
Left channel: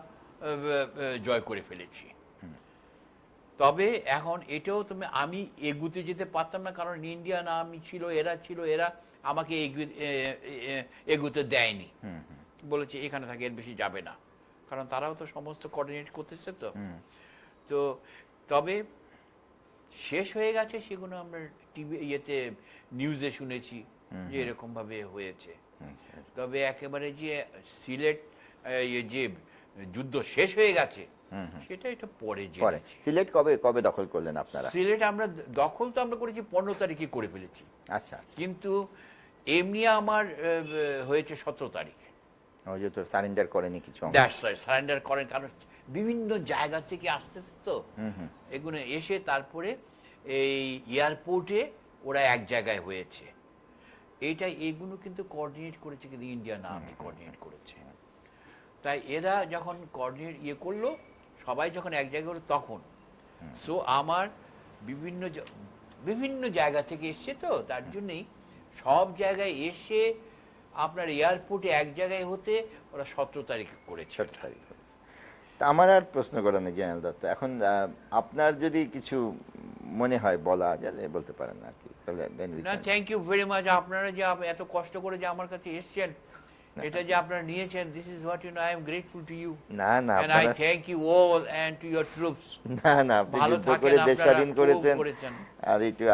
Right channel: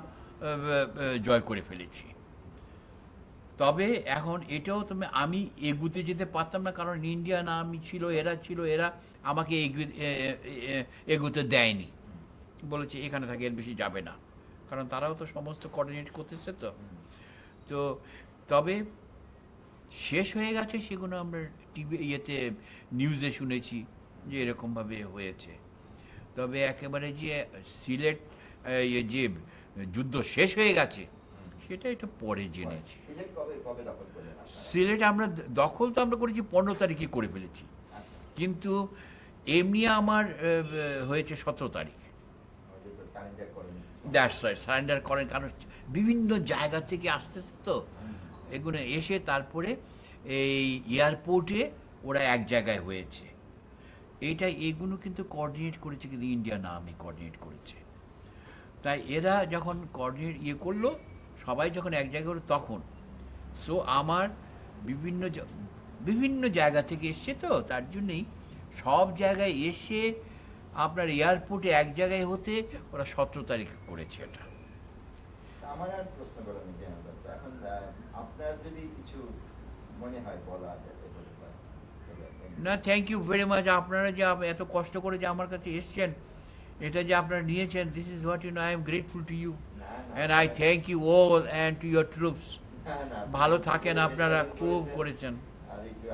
জয় করে ফেলেছি। তবে এখন এটাও আমি এগুতে যেতে পারতাম না, কারণ ইন্ডিয়ান আর্মি ছিল, এরা আমাকে এগুতে দেয়নি, বলেছে এখানে থাকে, এর বেশি যাবে না, কারণ তারাও তো সমস্ত কোঅর্ডিনেট করতেছে। তো তবে শেষ হয়ে গেছে সেগুলো আমরা টিভি ইয়েতে নিউজে শুনেছি যে এরকমভাবে হয়েছে। তবে একেবারে যে সিলেট যে যুদ্ধ শেষ হয়ে গেছে, সেটা এটা পরে জেনেছি। সিলেট কবে কবে দখল করলেন আপনারা? সিলেট আমরা দখল তো আমরা করেছি 15 তারিখে করে ফেলেছি, আচ্ছা, কিন্তু এমনি আমার হয়েছে 17 তারিখ। যেহেতু সারেন্ডার করেনি কিছু, সারেন্ডার করেন, কারণ বিভিন্ন জায়গা থেকে আসতেছে তো এগুলো এসে তারপরে এই এয়ারপোর্টে ওরা এক জায়গায় হয়েছে। এগুলো কিন্তু কোঅর্ডিনেট করেছে, কিন্তু ইন্ডিয়ান আর্মি কোঅর্ডিনেট করেছে। তাই এরা যখন কোঅর্ডিনেট করলো, সবাই যখন এক জায়গায় হলো তখন সো আমার বিভিন্ন জায়গা থেকে এসছে, তো তার জন্যই সব জায়গায় এসে আপনার এয়ারপোর্টে এক জায়গায় হতে ওরা 17 তারিখ করেছে। তা আমার আর প্রশ্ন করা নেই জেনারেল দত্ত। এখন আপনার যদি কিছু মনে হয় বলা গেলে বলতে পারেন আর কি, তাহলে then we না, can- thank you very much. আপনারা যে এত কষ্ট করে যে আমার কাছে এসছেন, এটা যে আপনারা নিয়েছেন, this is what you know, I am grateful to you না না and I আপনারা- thank you all and to your troops. না না আপনি ভালো যুদ্ধ থাকেন করে দেশ আপনারা, স্বাধীন খুব করেছেন, করেছেন।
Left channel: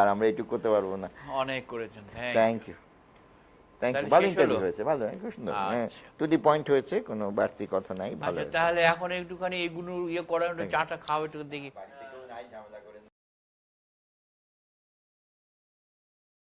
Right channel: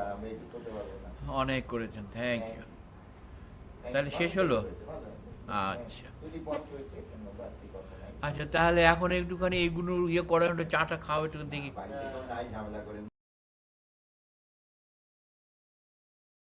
আর আমরা একটু করতে পারবো না। অনেক করেছেন, থ্যাংক ইউ, থ্যাংক ইউ। তাহলে ভালো শেষ ইন্টারভিউ হলো? হয়েছে, ভালো, খুব সুন্দর, হ্যাঁ, আচ্ছা। টু দি পয়েন্ট হয়েছে, কোনো বাড়তি কথা নাই, ভালো আচ্ছা, তাহলে এখন একটুখানি এগুলো করার, একটু চাটা খাওয়া একটু দেখি। ঝামেলা করেন।